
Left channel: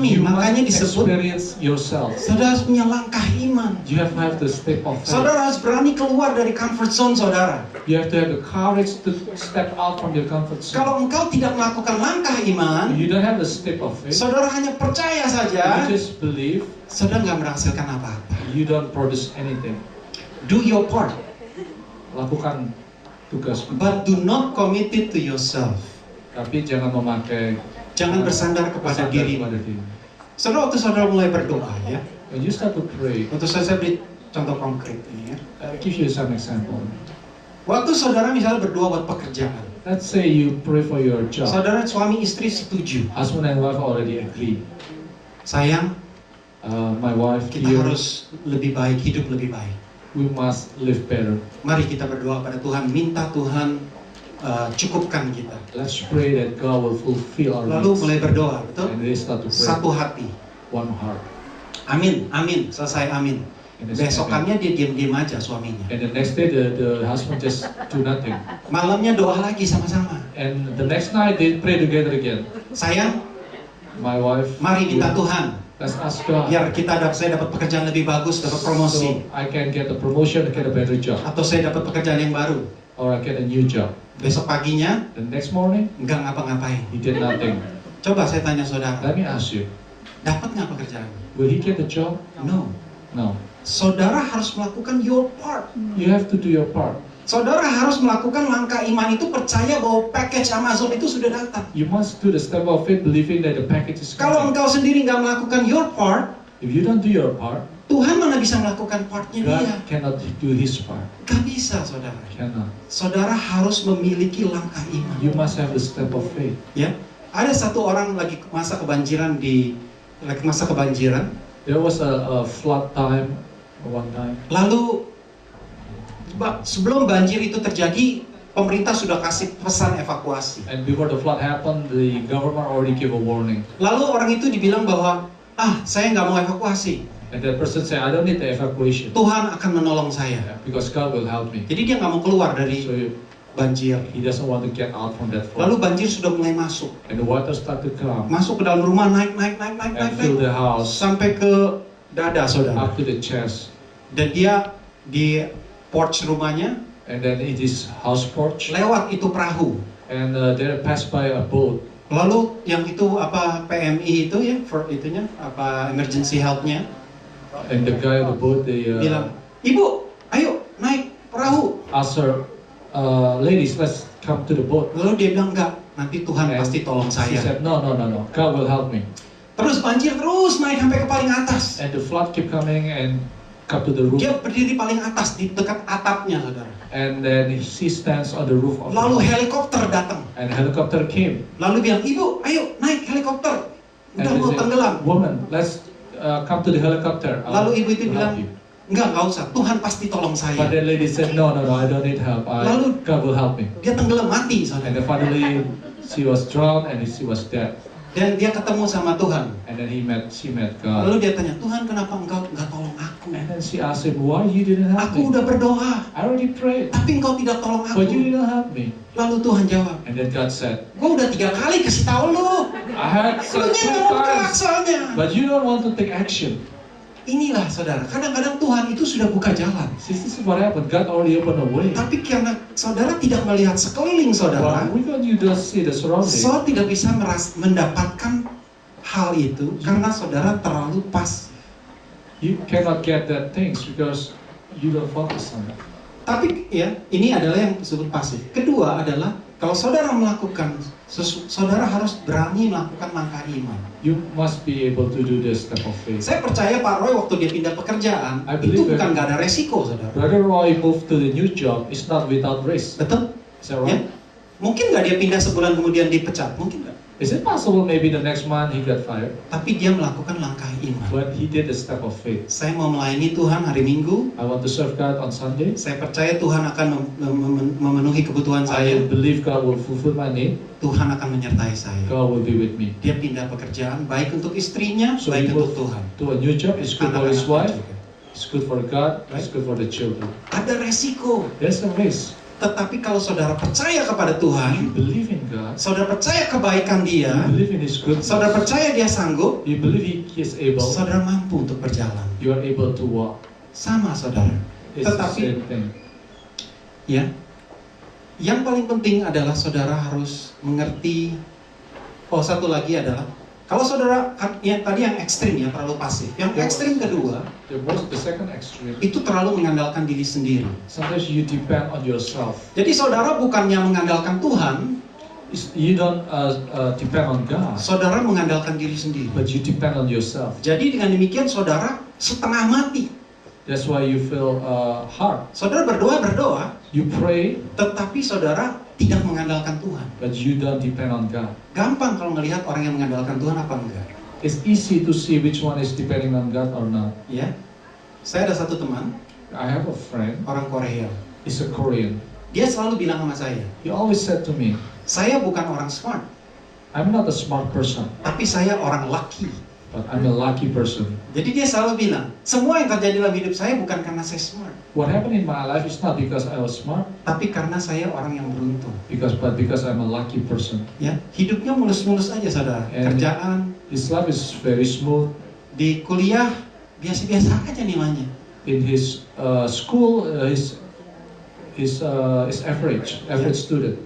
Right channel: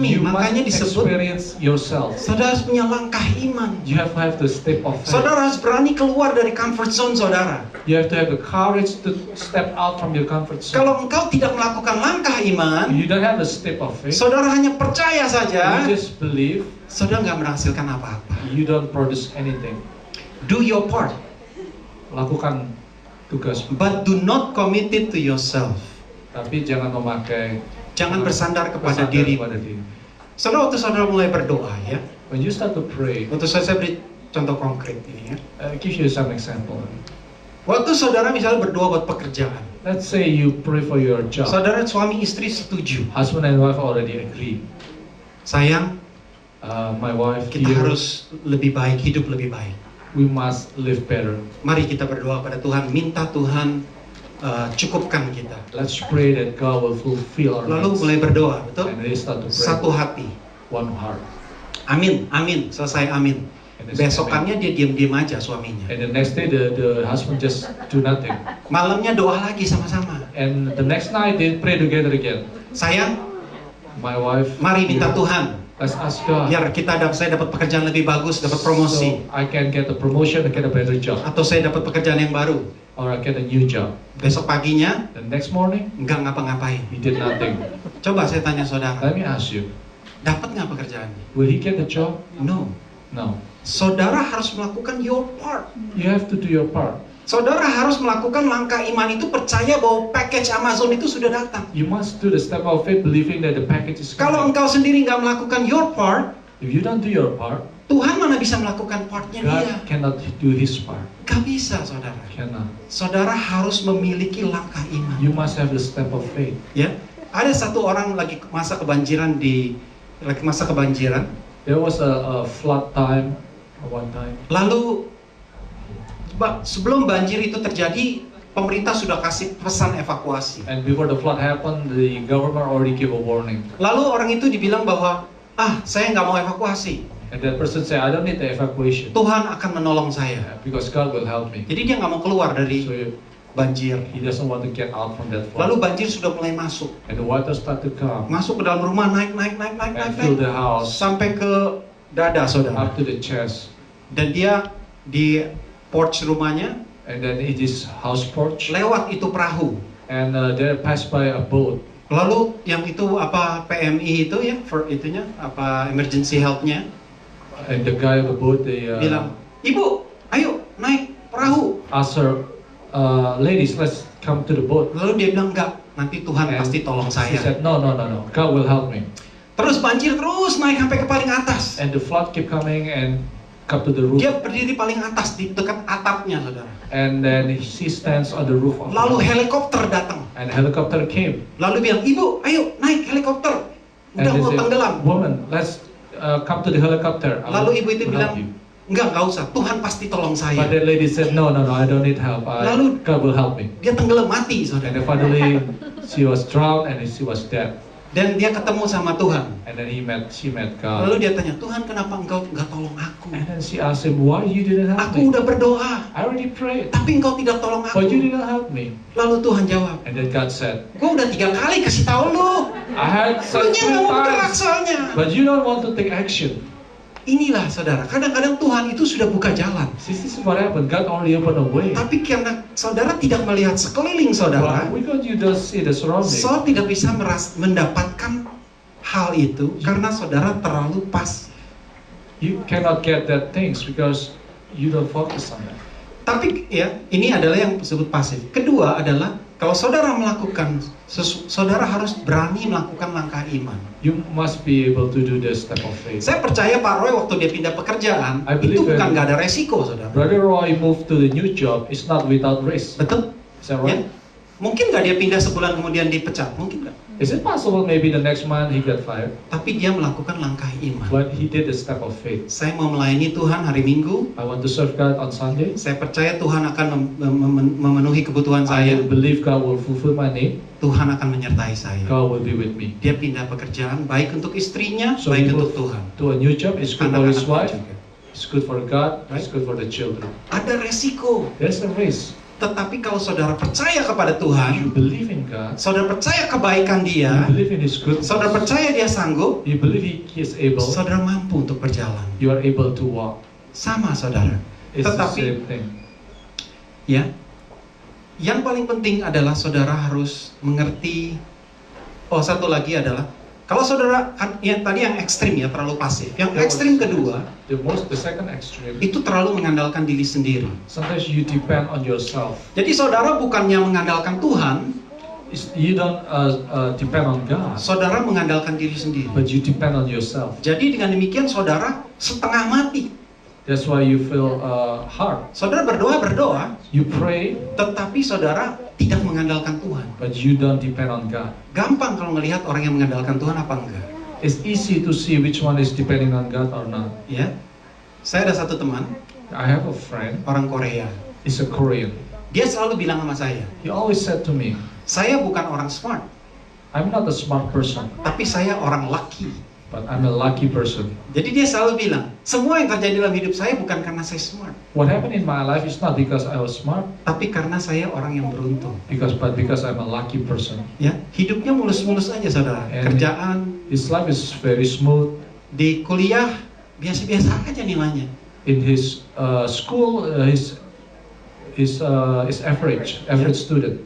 You Makanya must disebut experience yourself. saudara harus punya langkah iman. You have to have the step of faith. Saudara harus berani keluar dari comfort zone saudara. You have to have the courage to step out from your comfort zone. Kalau engkau tidak melakukan langkah iman, You don't have the step of faith. saudara hanya percaya saja, You just believe. saudara nggak menghasilkan apa-apa. You don't produce anything. Do your part, Lakukan tugas, but do not commit it to yourself. tapi jangan memakai Jangan bersandar kepada bersandar diri. kepada diri. Saudara, waktu saudara mulai berdoa ya, When you start to pray, waktu saya beri contoh konkret ini ya. give you some example. Waktu saudara misalnya berdoa buat pekerjaan, Let's say you pray for your job. saudara suami istri setuju. Husband and wife already agree. Sayang, My wife kita here, harus lebih baik, hidup lebih baik. we must live better. Mari kita berdoa pada Tuhan, minta Tuhan cukupkan kita. Let's pray that God will fulfill our Lalu needs. mulai berdoa, betul? And they start to pray. Satu hati. One heart. Amin, amin, selesai amin. And it's Besokannya dia diam-diam aja suaminya. And the next day the husband just do nothing. Malamnya doa lagi sama-sama. And the next night they pray together again. Sayang, My wife. mari minta Tuhan. Let's ask God. Biar saya dapat pekerjaan lebih bagus, dapat promosi. So I can get a promotion, I get a better job, Atau saya dapat pekerjaan yang baru. or I get a new job. Besok paginya, The next morning enggak ngapa-ngapain. he did nothing. Coba saya tanya saudara, Let me ask you, dapat nggak pekerjaan? will he get the job? No. No. Saudara harus melakukan your part. You have to do your part. Saudara harus melakukan langkah iman itu, percaya bahwa package Amazon itu sudah datang. You must do the step of faith, believing that the package is Kalau coming. engkau sendiri nggak melakukan your part, If you don't do your part, Tuhan mana bisa melakukan partnya God dia? cannot do his part. Gak bisa, saudara. Cannot. Saudara harus memiliki langkah iman. You must have the step of faith. Ya, ada satu orang lagi masa kebanjiran There was a flood time one time. Lalu sebelum banjir itu terjadi, pemerintah sudah kasih pesan evakuasi. And before the flood happened, the government already gave a warning. Lalu orang itu dibilang bahwa, saya nggak mau evakuasi. And that person said, I don't need the evacuation Tuhan akan menolong saya. because God will help me. Jadi dia nggak mau keluar dari So banjir. he doesn't want to get out from that Lalu flood. banjir sudah mulai masuk. And the water start to come Masuk ke dalam rumah, naik, and fill the house sampai ke dada, saudara. up to the chest. Dan dia di porch rumahnya, And then it is house porch. lewat itu perahu. And they passed by a boat. Lalu yang itu PMI itu ya, emergency help-nya, And the guy on the boat, they bilang, "Ibu, ayo naik perahu." asked her, ladies, let's come to the boat. Lalu dia bilang, "Enggak, nanti Tuhan And pasti tolong she saya." said, no, God will help me. Terus banjir terus naik sampai ke paling atas. And the flood kept coming and come to the roof. Dia berdiri paling atas di dekat atapnya, saudara. And then she stands on the roof of the Lalu house. helikopter datang. And helicopter came. Lalu bilang, "Ibu, ayo naik helikopter. Udah And they mau said, tenggelam." woman, let's come to the helicopter. I Lalu will ibu itu help bilang, you. Nggak usah. Tuhan pasti tolong But saya. that lady said, no, I don't need help. Lalu- God will help me. Dia tenggelam mati, And saudara. then finally, she was drowned and she was dead. Dan dia ketemu sama Tuhan. And then she met God. Lalu dia tanya, "Tuhan, kenapa engkau nggak tolong aku? And then she asked him, why you didn't help Aku me? udah berdoa, I already prayed, tapi engkau tidak tolong but you aku." didn't help me. Lalu Tuhan jawab, And then God said, "Gue udah 3 kali kasih tahu lu. I had Lu said nya 3 nggak mau bergerak times, soalnya." but you don't want to take action. Inilah, saudara. Kadang-kadang Tuhan itu sudah buka jalan. This is what happened. God already opened a way. Tapi karena saudara tidak melihat sekeliling saudara, But because you don't see the surrounding, saudara tidak bisa mendapatkan hal itu karena saudara terlalu pas. you cannot get that things because you don't focus on that. Tapi ya, ini adalah yang disebut pasif. Kedua adalah kalau saudara melakukan saudara harus berani melakukan langkah iman. You must be able to do this step of faith. Saya percaya Pak Roy waktu dia pindah pekerjaan I itu believe bukan that- nggak ada resiko, saudara. Brother Roy moved to the new job. It's not without risk. Betul? Is that Ya. right? Mungkin nggak dia pindah sebulan kemudian dipecat, mungkin nggak. Is it possible maybe the next month he got fired? Tapi dia melakukan langkah iman. But he did the step of faith. Saya mau melayani Tuhan hari Minggu. I want to serve God on Sunday. Saya percaya Tuhan akan memenuhi kebutuhan I saya. believe God will fulfill my need. Tuhan akan menyertai saya. God will be with me. Dia pindah pekerjaan baik untuk istrinya, So baik he untuk moved Tuhan. to a new job. It's good for his wife. Anak-anaknya juga. It's good for God. It's Right. good for the children. Ada resiko. There's a risk. Tetapi kalau saudara percaya kepada You Tuhan, believe in God. saudara percaya kebaikan You Dia, believe in His goodness. saudara percaya Dia sanggup, You believe He is able. saudara mampu untuk berjalan. You are able to walk. Sama, saudara. It's the Tetapi, same thing. ya, yang paling penting adalah saudara harus mengerti. Satu lagi adalah kalau saudara ya tadi yang ekstrim ya terlalu pasif. Yang ekstrim kedua The second extreme. itu terlalu mengandalkan diri sendiri. Sometimes you depend on yourself. Jadi saudara bukannya mengandalkan Tuhan, You don't depend on God, saudara mengandalkan diri sendiri. but you depend on yourself. Jadi dengan demikian saudara setengah mati. That's why you feel hard. Saudara berdoa, You pray, tetapi saudara tidak mengandalkan Tuhan. but you don't depend on God. Gampang kalau melihat orang yang mengandalkan Tuhan apa enggak. It's easy to see which one is depending on God or not. Ya, saya ada satu teman, I have a friend, orang Korea. he's a Korean. Dia selalu bilang sama saya, He always said to me, saya bukan orang smart, I'm not a smart person, tapi saya orang lucky. but I'm a lucky person. Jadi dia selalu bilang, semua yang terjadi dalam hidup saya bukan karena saya smart, What happened in my life is not because I was smart, tapi karena saya orang yang beruntung. but because I'm a lucky person. Ya, hidupnya mulus-mulus aja saudara. And- Kerjaan, His life is very smooth. di kuliah biasa-biasa aja nilainya. In his school, is average student.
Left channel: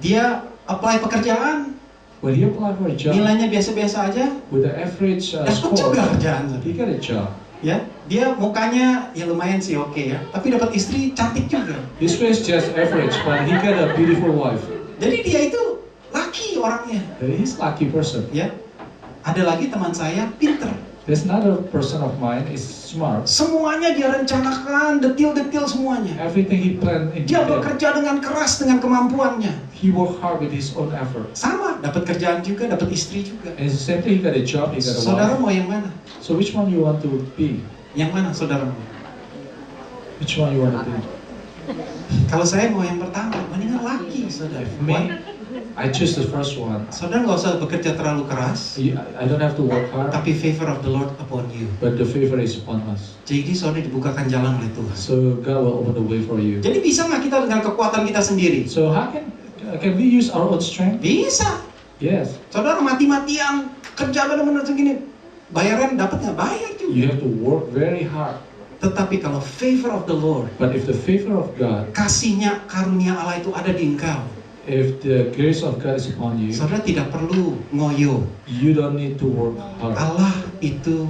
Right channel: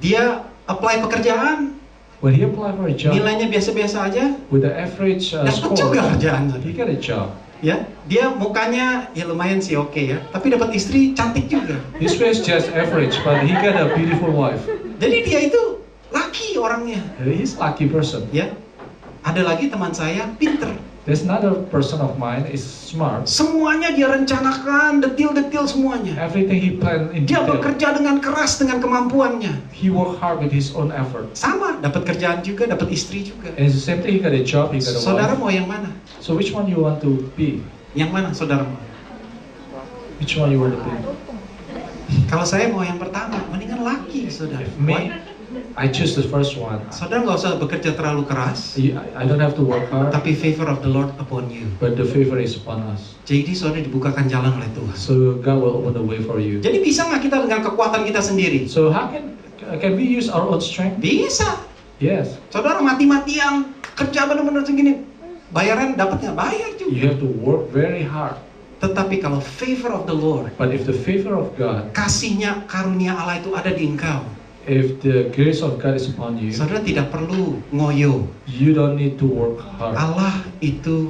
Dia apply pekerjaan, When he applied for a job nilainya biasa-biasa aja, with the average dapat score, juga kerjaan. he got a job. Ya, dia mukanya ya lumayan sih oke ya, tapi dapat istri cantik juga. His face just average, but he got a beautiful wife. Jadi dia itu laki orangnya. He's lucky person. Ya, ada lagi teman saya pinter. There's another person of mine is smart. Semuanya dia rencanakan, detil-detil semuanya. Everything he planned in Dia detail. bekerja dengan keras dengan kemampuannya. He worked hard with his own effort. Sama, dapat kerjaan juga, dapat istri juga. And it's the same thing. He got a job. He got a Saudara wife. mau yang mana? So which one you want to be? Yang mana saudara mau? Which one you want to be? Kalau saya mau yang pertama, mendingan laki saudara. If me, I choose the first one. Saudara nggak usah bekerja terlalu keras, I don't have to work hard, tapi favor of the Lord upon you. but the favor is upon us. Jadi saudara dibukakan jalan oleh Tuhan. So God will open the way for you. Jadi bisa nggak kita dengan kekuatan kita sendiri? So how can we use our own strength? Bisa. Yes. Saudara mati-matian kerja benar-benar segini, bayaran dapat nggak? Bayar juga. You have to work very hard. Tetapi kalau favor of the Lord, But if the favor of God, kasihnya karunia Allah itu ada di engkau, if the grace of God is upon you, saudara tidak perlu ngoyo. you don't need to work hard. Allah itu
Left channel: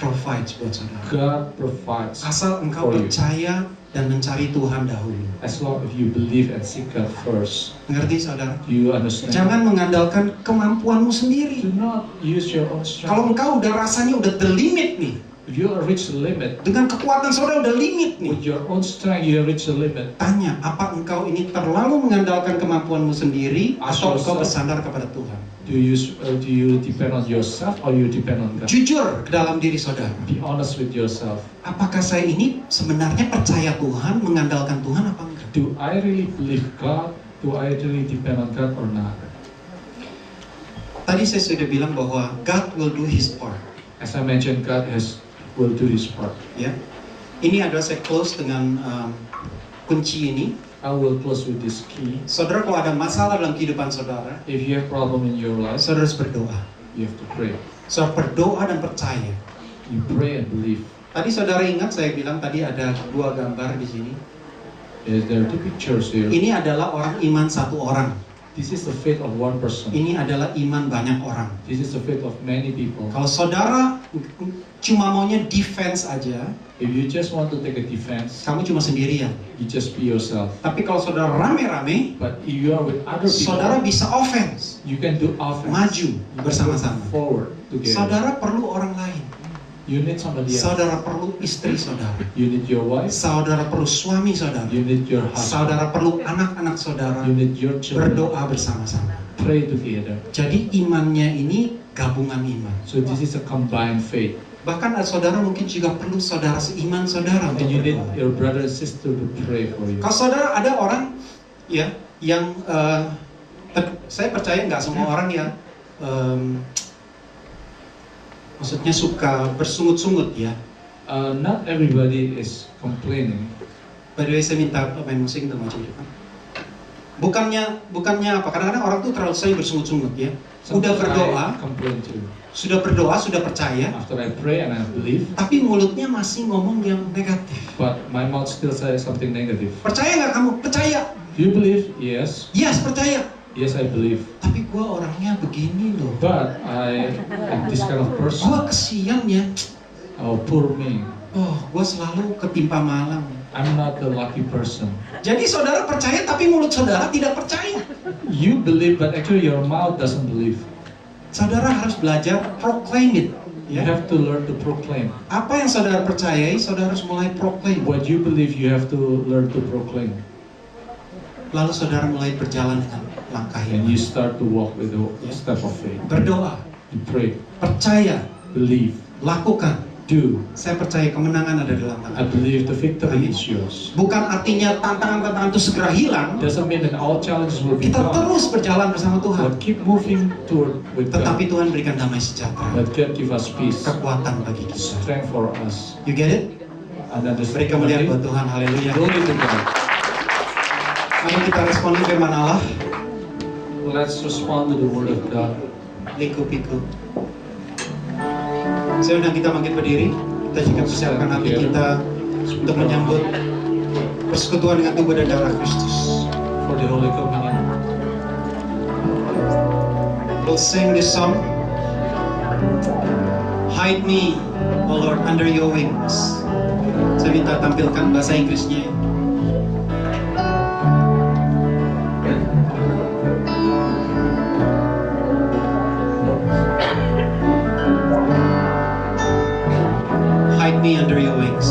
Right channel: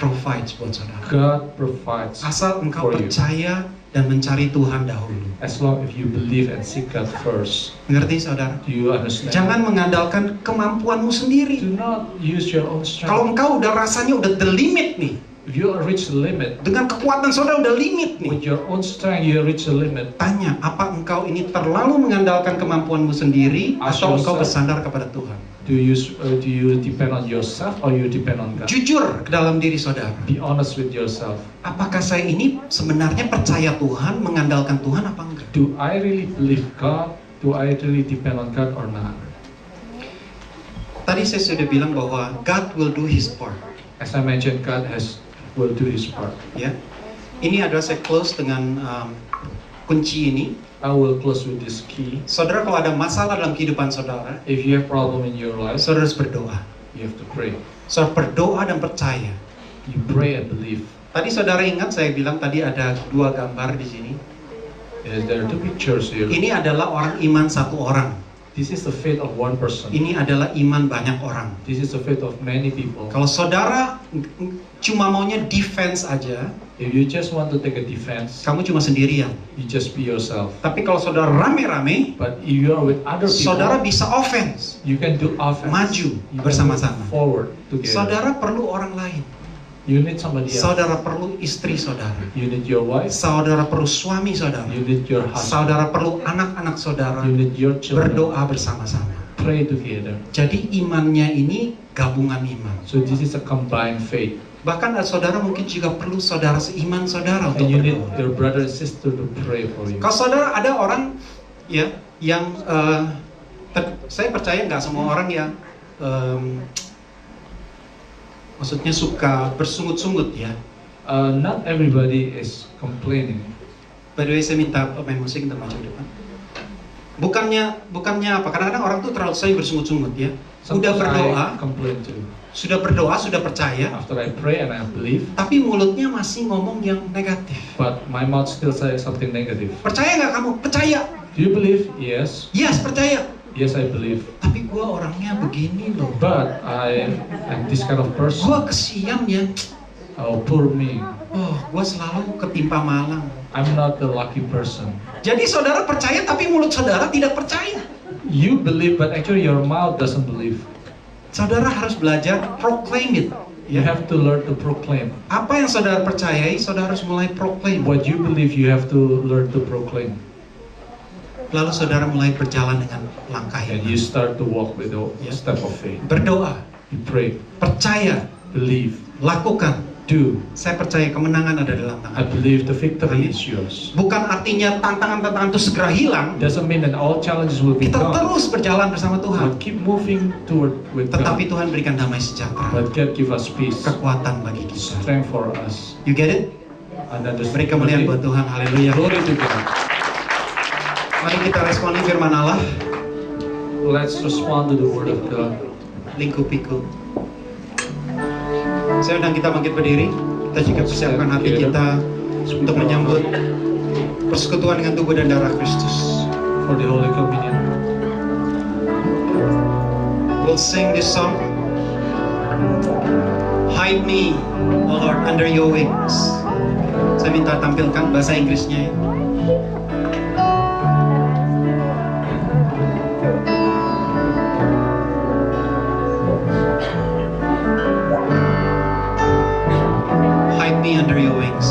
provides buat saudara. God provides Asal engkau for you. percaya dan mencari Tuhan dahulu. As long as you believe and seek God first. Ngerti saudara? Do you understand? Jangan mengandalkan kemampuanmu Do sendiri. not use your own Kalau strength. engkau udah rasanya udah the limit nih, If you reach the limit, dengan kekuatan saudara udah limit with nih, your own strength you reach the limit. tanya, apa engkau ini terlalu mengandalkan kemampuanmu sendiri Ask atau engkau yourself. bersandar kepada Tuhan? Do you depend on yourself or you depend on God? Jujur ke dalam diri saudara. Be honest with yourself. Apakah saya ini sebenarnya percaya Tuhan, mengandalkan Tuhan apa enggak? Do I really believe God? Do I really depend on God or not? Tadi saya sudah bilang bahwa God will do His part. As I mentioned, God will do His part. Ya, ini adalah saya close dengan kunci ini. I will close with this key. Saudara, kalau ada masalah dalam kehidupan saudara, If you have problem in your life, saudara harus berdoa. you have to pray. Saudara berdoa dan percaya. You pray and believe. Tadi saudara ingat saya bilang tadi ada dua gambar di sini. There are two pictures here. Ini adalah orang iman satu orang. This is the faith of one person. Ini adalah iman banyak orang. This is the faith of many people. Kalau saudara cuma maunya defense aja, If you just want to take a defense, kamu cuma sendirian. you just be yourself. Tapi kalau saudara rame-rame, But if you are with other people, saudara bisa offense. you can do offense. Maju You can bersama-sama. go forward together. Saudara perlu orang lain. You need somebody else. Saudara perlu istri saudara. You need your wife. Saudara perlu suami saudara. You need your husband. Saudara perlu anak-anak saudara. You need your children. Berdoa bersama-sama. Pray together. Jadi imannya ini gabungan iman. So this is a combined faith. Bahkan saudara mungkin juga perlu saudara seiman saudara untuk And you need berdoa. your brother and sister to pray for you. Kalau saudara ada orang ya yang saya percaya nggak semua orang ya maksudnya suka bersungut-sungut ya. Not everybody is complaining. By the way, saya minta pemain musik untuk maju depan. Bukannya apa? Kadang-kadang orang tuh terlalu sering bersungut-sungut ya. Udah Sometimes berdoa, I complain too. sudah berdoa, sudah percaya, After I pray and I believe, tapi mulutnya masih ngomong yang negatif. but my mouth still says something negative. Percaya nggak kamu? Percaya. Do you believe? Yes. Yes, percaya. Yes, I believe. Tapi gua orangnya begini loh. But I am this kind of person. Gua kesian ya. Oh, poor me. Oh, gua selalu ketimpa malang. I'm not the lucky person. Jadi saudara percaya tapi mulut saudara tidak percaya. You believe, but actually your mouth doesn't believe. Saudara harus belajar proclaim it. You have to learn to proclaim. Apa yang saudara percayai, saudara harus mulai proclaim. What you believe, you have to learn to proclaim. Lalu saudara mulai berjalan dengan langkah And iman. you start to walk with a Yeah. step of faith. Berdoa, You pray, percaya, believe, lakukan. do. Saya percaya kemenangan ada dalam I tangan. believe the victory Amin. is yours. Bukan artinya tantangan-tantangan itu segera hilang. Doesn't mean that all challenges will be Kita gone. terus berjalan bersama Tuhan. But keep moving toward with Tetapi God. Tuhan berikan damai sejahtera, But God give us peace, kekuatan bagi kita. strength for us. You get it? And Beri kemuliaan buat Tuhan. Haleluya. Glory to God. Mari kita responi firman Allah. Let's respond to the word of God. Lingkupiku. Saya undang kita bangkit berdiri. Kita juga persiapkan hati kita untuk menyambut persekutuan dengan tubuh dan darah Kristus. For the Holy Communion. We'll sing this song. Hide me, O Lord, under your wings. Saya minta tampilkan bahasa Inggrisnya ya. Hide me under your wings.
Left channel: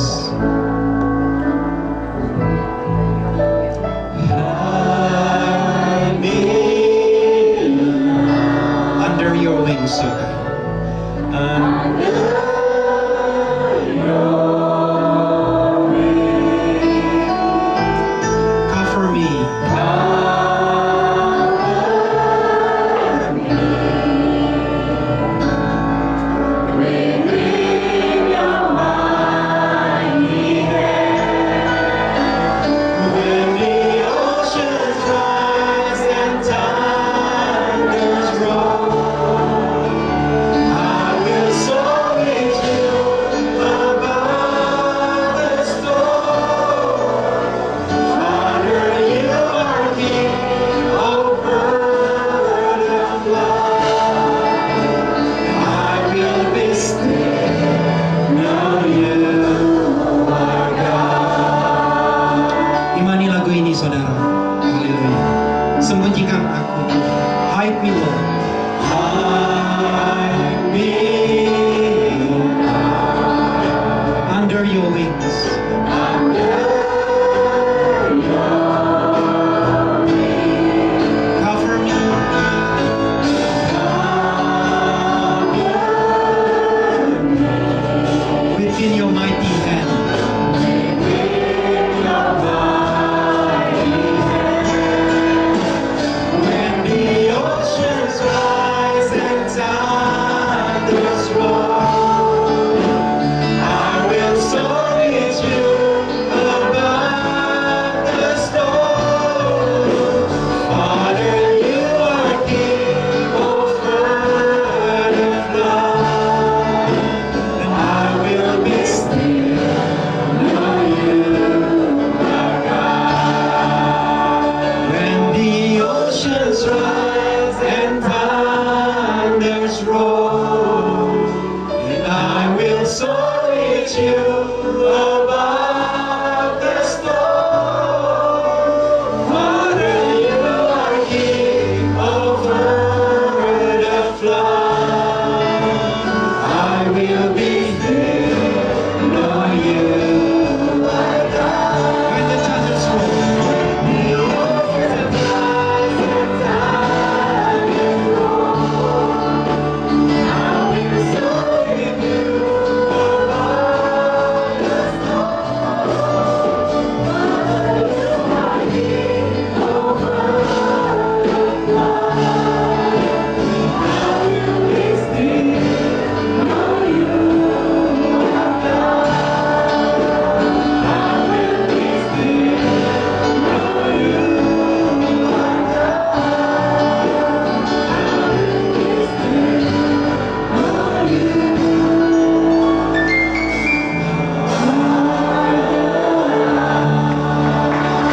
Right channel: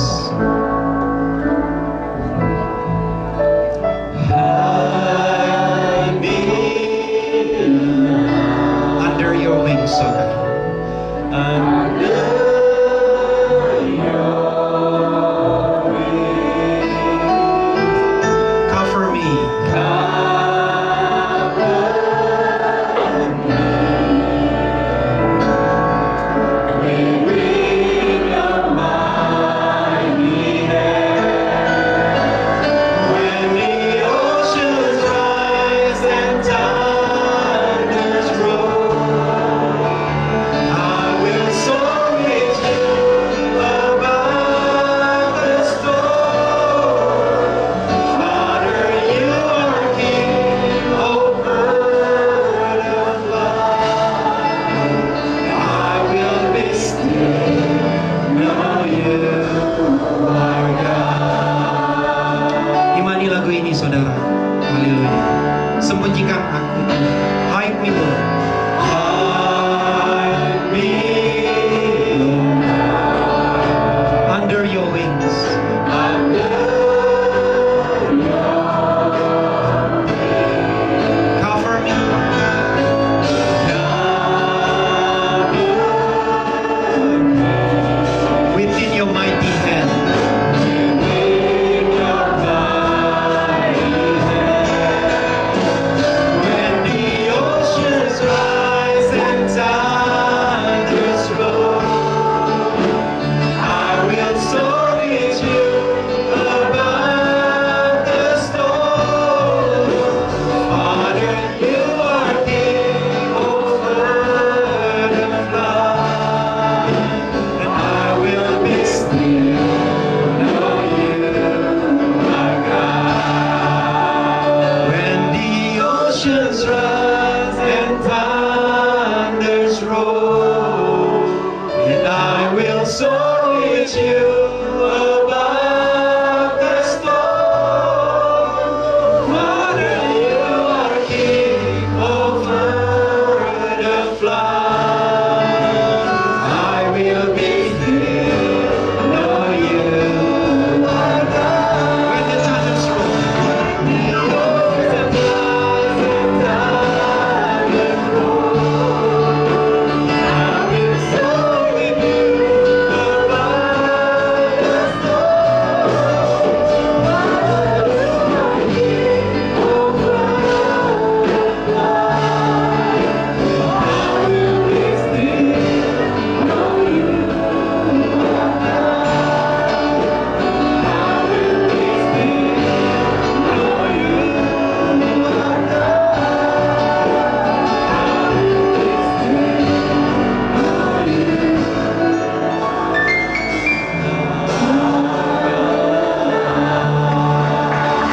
Hide me under your wings, O God. Under your wings. Cover me. When the oceans rise and thunders roll, I will soar with you above the storm. Father, you are King, O bird of love. I will be still, know you are God. Imani lagu ini, saudara. Haleluya. Sembunyikan aku. Hide me, Lord. Hide me, Lord. Under your wings. Under your wings. Cover me. Within your mighty hand. When the oceans rise and thunders roll, I will soar with you above the storm. Father, you are King, O bird of love, and I will be still, know you are God. When the oceans rise and thunders roll, and I will soar with you above the storm. Father, you are King, O bird of love. I will be there, know you are God. When the thunders roll, the oceans rise and thunders roll, I will soar with you above the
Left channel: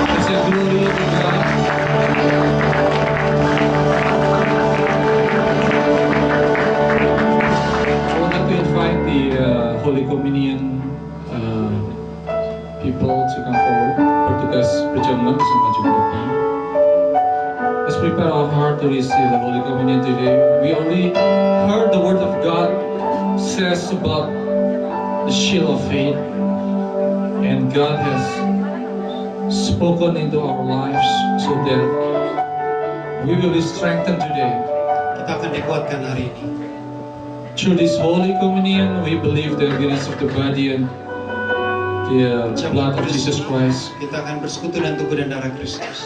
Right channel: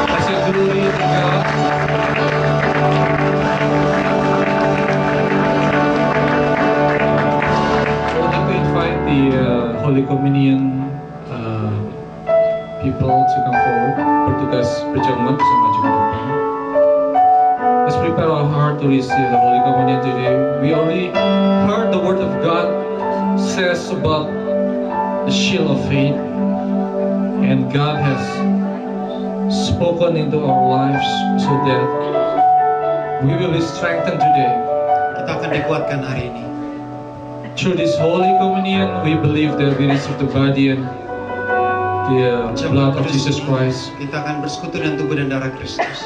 I say glory to God. I would like to invite the Holy Communion people to come forward. Bertugas berjamuan bisa maju ke depan. Let's prepare our heart to receive the Holy Communion today. We only heard the Word of God says about the shield of faith, and God has spoken into our lives so that we will be strengthened today. Kita akan dikuatkan hari ini. Through this Holy Communion, we believe that we receive the body and the blood of Jesus Christ. Kita akan bersekutu dengan tubuh dan darah Kristus.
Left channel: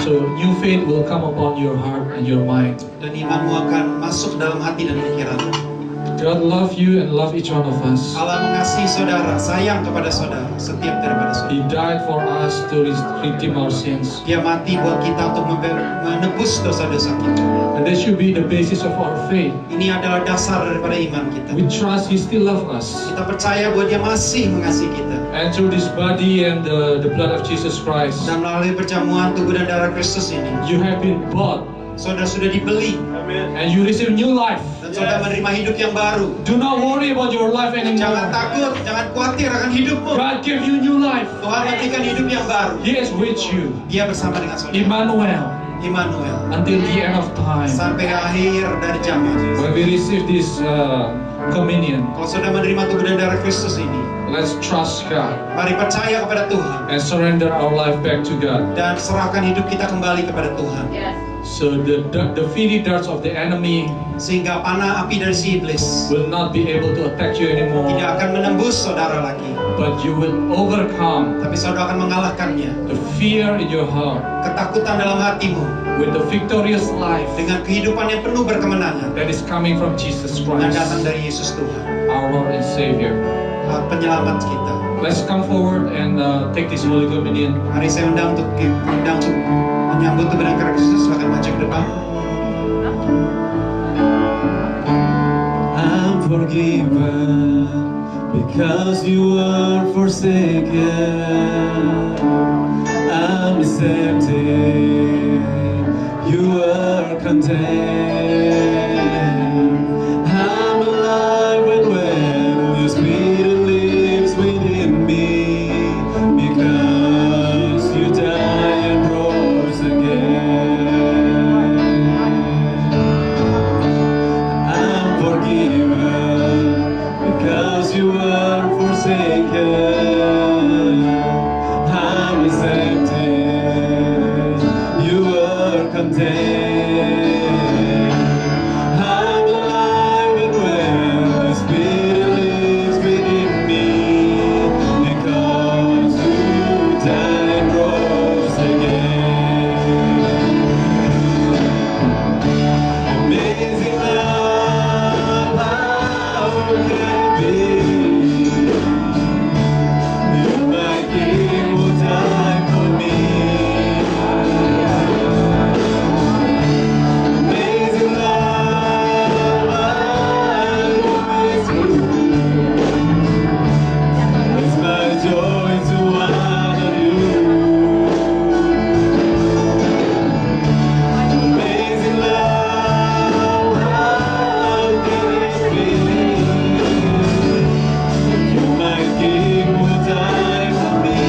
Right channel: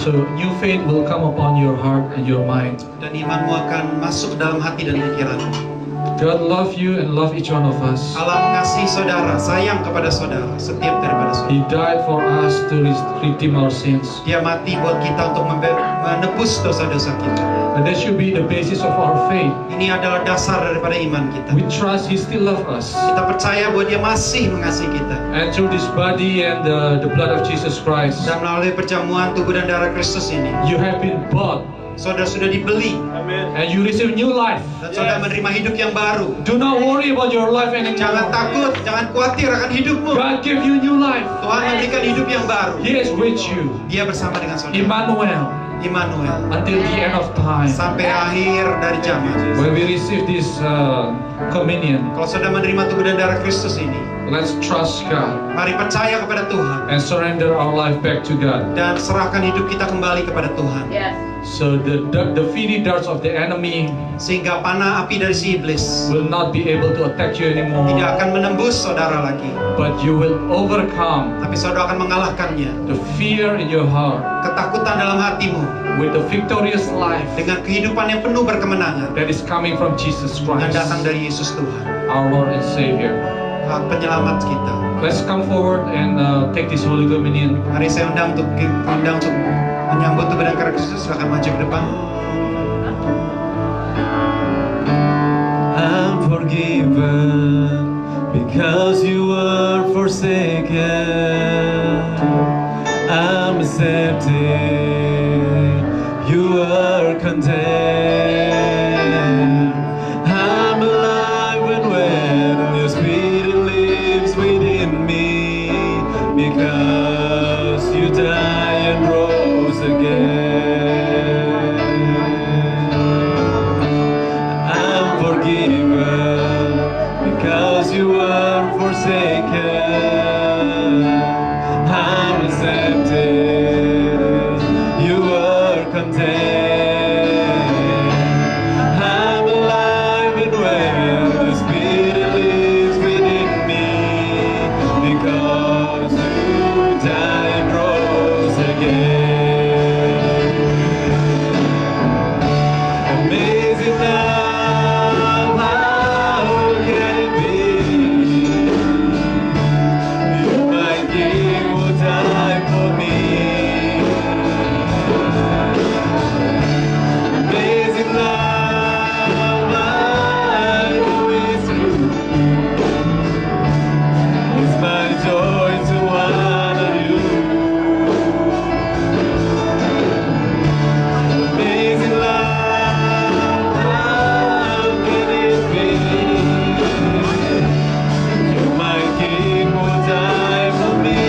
So new faith will come upon your heart and your mind. Dan imanmu akan masuk dalam hati dan pikiranmu. God love you and love each one of us. Allah mengasihi saudara, sayang kepada saudara, setiap daripada saudara. He died for us to redeem our sins. Dia mati buat kita untuk menebus dosa-dosa kita. And that should be the basis of our faith. Ini adalah dasar daripada iman kita. We trust He still loves us. Kita percaya bahwa Dia masih mengasihi kita. And through this body and the blood of Jesus Christ, Dan melalui perjamuan tubuh dan darah Kristus ini, you have been bought saudara sudah dibeli and you receive new life. dan saudara menerima hidup yang baru. Do not worry about your life Jangan anymore. takut, jangan khawatir akan hidupmu. God gave you new life. Tuhan memberikan hidup yang baru. He is with you. Dia bersama dengan saudara. Emmanuel, Immanuel. until the end of time. Sampai akhir dari zaman. When we receive this communion, Kalau saudara menerima tubuh dan darah Kristus ini, let's trust God mari percaya kepada Tuhan and surrender our life back to God. dan serahkan hidup kita kembali kepada Tuhan. Yes. So the fiery darts of the enemy Sehingga panah api dari si iblis will not be able to attack you tidak anymore, akan menembus saudara lagi, but you will overcome tapi saudara akan mengalahkannya. the fear in your heart Ketakutan dalam hatimu with the victorious life dengan kehidupan yang penuh berkemenangan that is coming from Jesus yang Christ, datang dari Yesus Tuhan, our Lord and Savior. penyelamat kita. Let's come forward and take this Holy Communion. Hari saya undang untuk menyambut tubuh dan darah Kristus. Silakan maju ke depan. I'm forgiven because you were forsaken. I'm accepted, you were condemned. I'm alive and well, your spirit lives within me because you died and rose again. I'm forgiven because you were forsaken. I'm accepted, you were condemned. I'm alive and well, the Spirit lives within me because you died and rose again. Amazing love, how can it be? You, my King, will die for me. Amazing love, I know it's true. It's my joy to honor you. Amazing love, how can it be? You, my King, will die for me.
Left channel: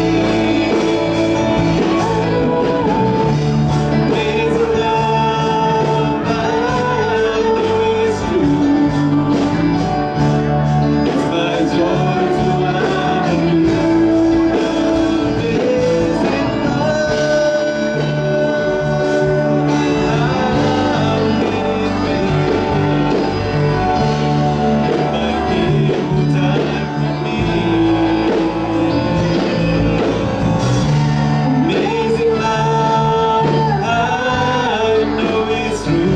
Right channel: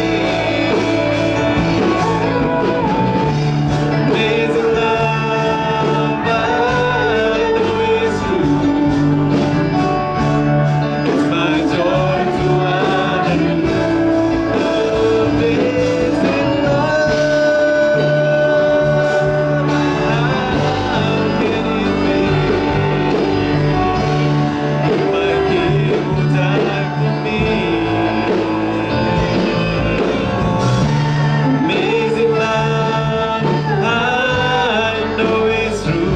Amazing love, I know it's true. It's my joy to honor you. Amazing love, I know it's true.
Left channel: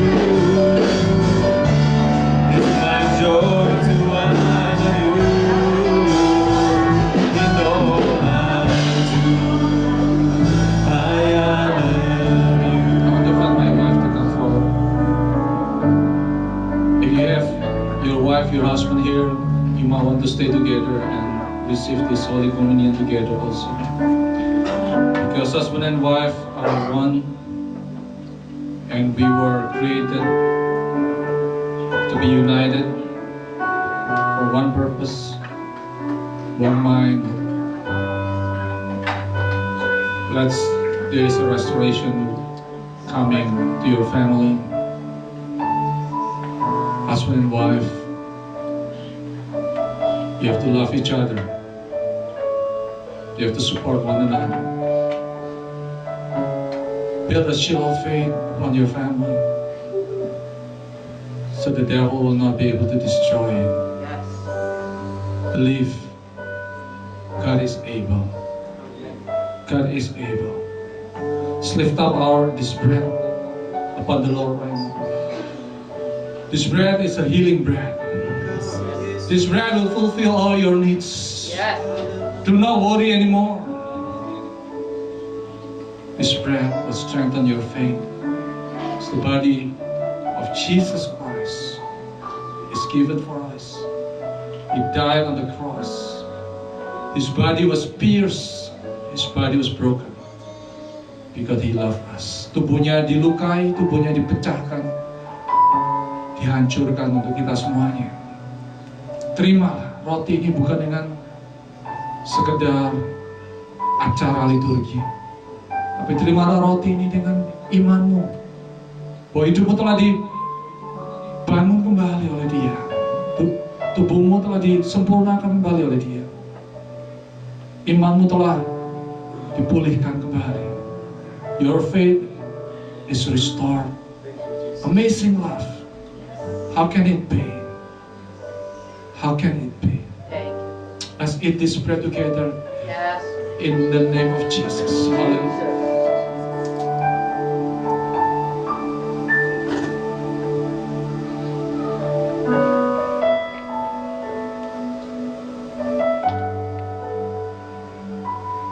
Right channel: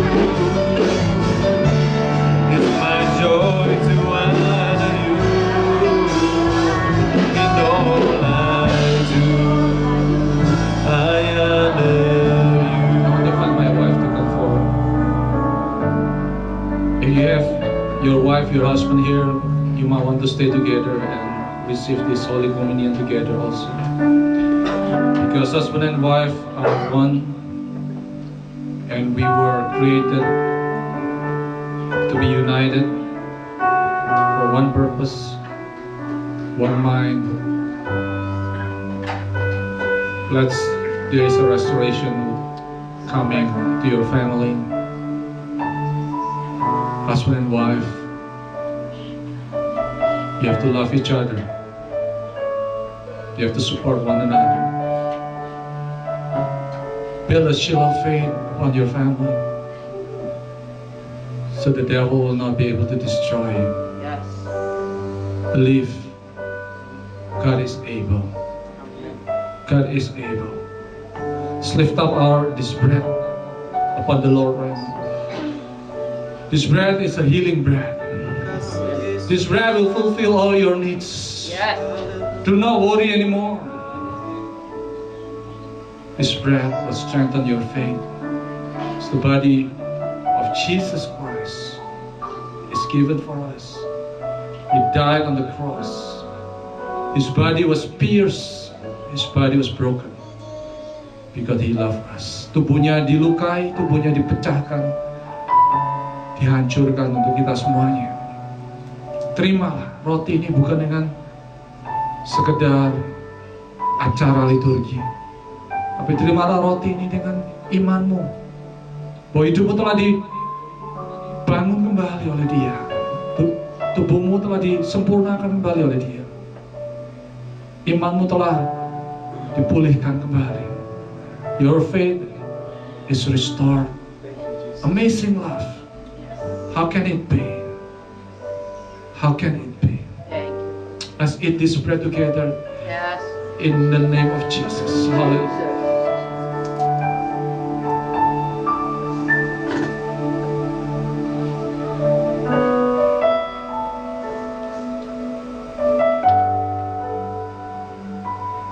It's my joy to honor you in all I do. I honor I want to invite my wife to come forward. If you have your wife, your husband here, you might want to stay together and receive this Holy Communion together also. Because husband and wife are one, and we were created to be united for one purpose, one mind. There is a restoration coming to your family, husband and wife. You have to love each other. You have to support one another. Build a shield of faith on your family. so the devil will not be able to destroy you. Yes. Believe God is able. God is able. Let's lift up this bread upon the Lord right now. This bread is a healing bread. This bread will fulfill all your needs. Yes. Do not worry anymore. This bread will strengthen your faith. It's the body of Jesus Christ. It's given for us. He died on the cross. His body was pierced. His body was broken. Because He loved us. Tubuhnya dilukai, tubuhnya dipecahkan, dihancurkan untuk kita semuanya. Terimalah roti ini bukan dengan sekedar acara liturgi, tapi terimalah roti ini dengan imanmu bahwa hidupmu telah dibangun kembali oleh Dia, tubuhmu telah disempurnakan kembali oleh Dia, imanmu telah dipulihkan kembali. Your faith is restored. Amazing love. How can it be? How can it be? Thank you. Let's eat this bread together Yes. in the name of Jesus. Hallelujah.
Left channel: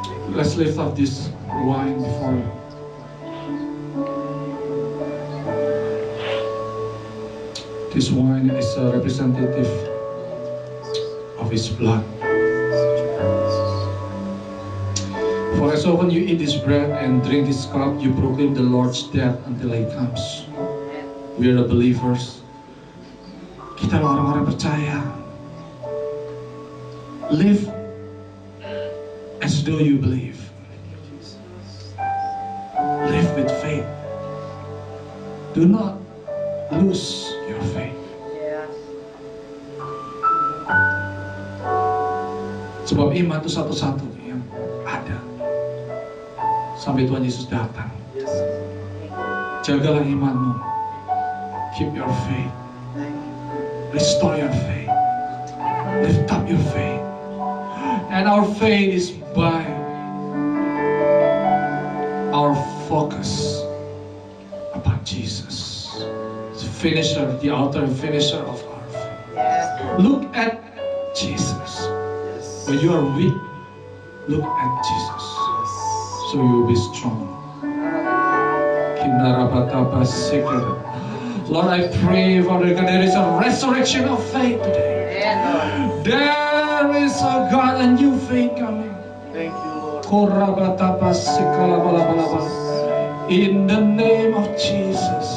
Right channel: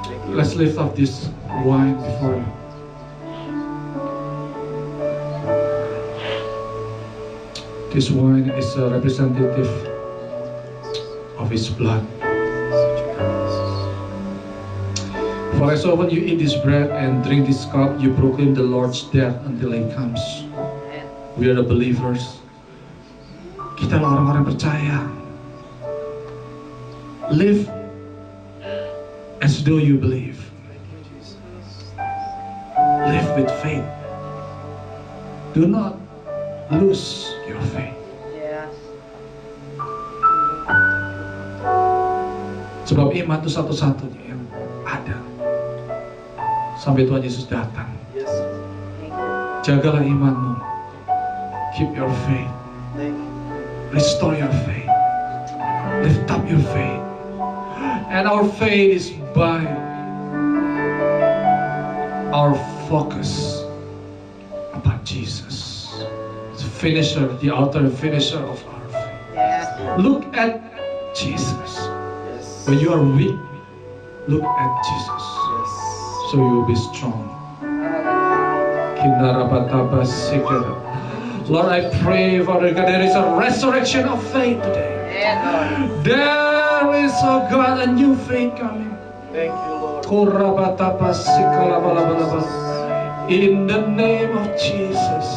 Jesus. Let's lift up this wine before you. This wine is a representative of His blood. For as often you eat this bread and drink this cup, you proclaim the Lord's death until He comes. We are the believers. Kita adalah orang-orang percaya. Live as though you believe. Live with faith. Do not lose your faith. Yes. Sebab iman itu satu-satunya yang ada sampai Tuhan Yesus datang. Thank you. Jagalah imanmu. Keep your faith. Restore your faith. Lift up your faith. And our faith is by our focus upon Jesus, the finisher, the author and finisher of our faith. Yes. Look at Jesus. When you are weak, look at Jesus. So you will be strong. Lord, I pray, Father God, there is a resurrection of faith today. And Lord. There is, oh God, a new faith coming. Thank you, Lord. In the name of Jesus.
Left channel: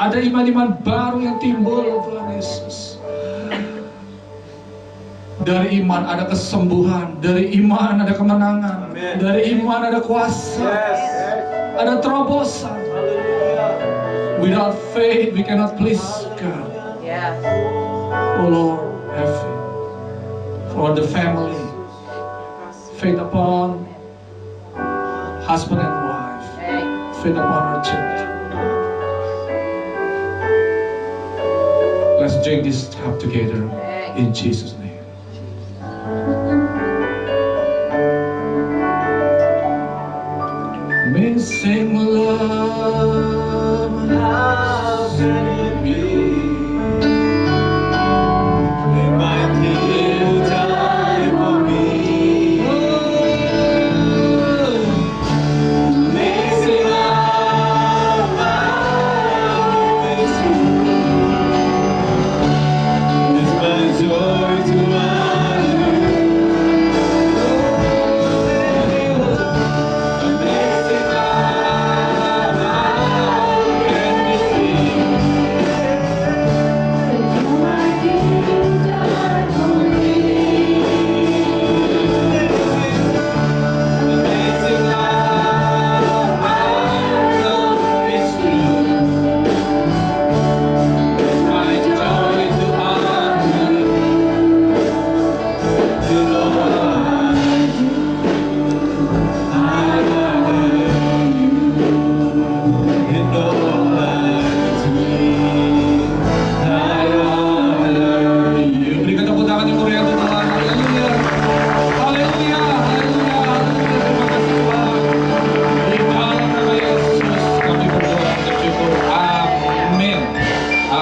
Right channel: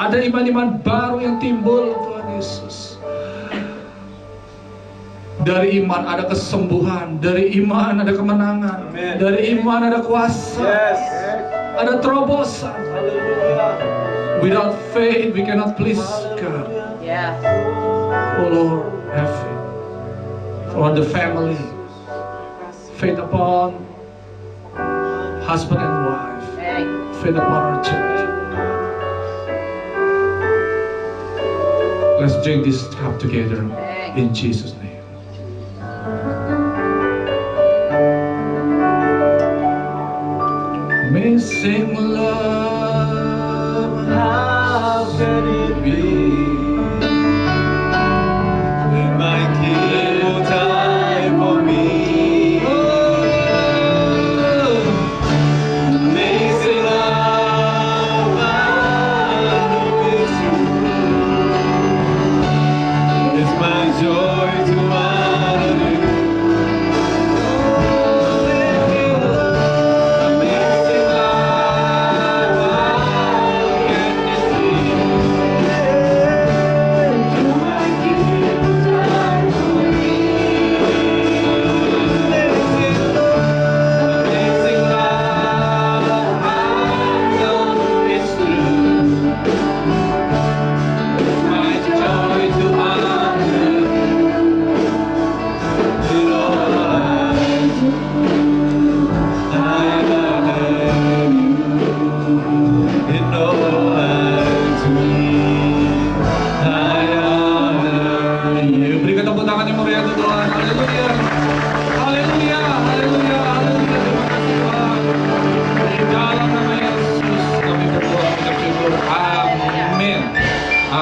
Ada iman-iman baru yang timbul, Tuhan Yesus. Dari iman ada kesembuhan, dari iman ada kemenangan, Amen. dari iman ada kuasa, Yes. ada terobosan. Hallelujah. Without faith we cannot please God. Yes. Oh Lord, have faith for the family, faith upon husband and wife, Thank you. faith upon our children. Let's drink this cup together in Jesus' name. Missing love, How could it be? My King died for me. Amazing love, I know it's true. It's my joy to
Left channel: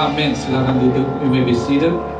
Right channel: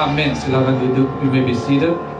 Amen. Silakan duduk. You may be seated.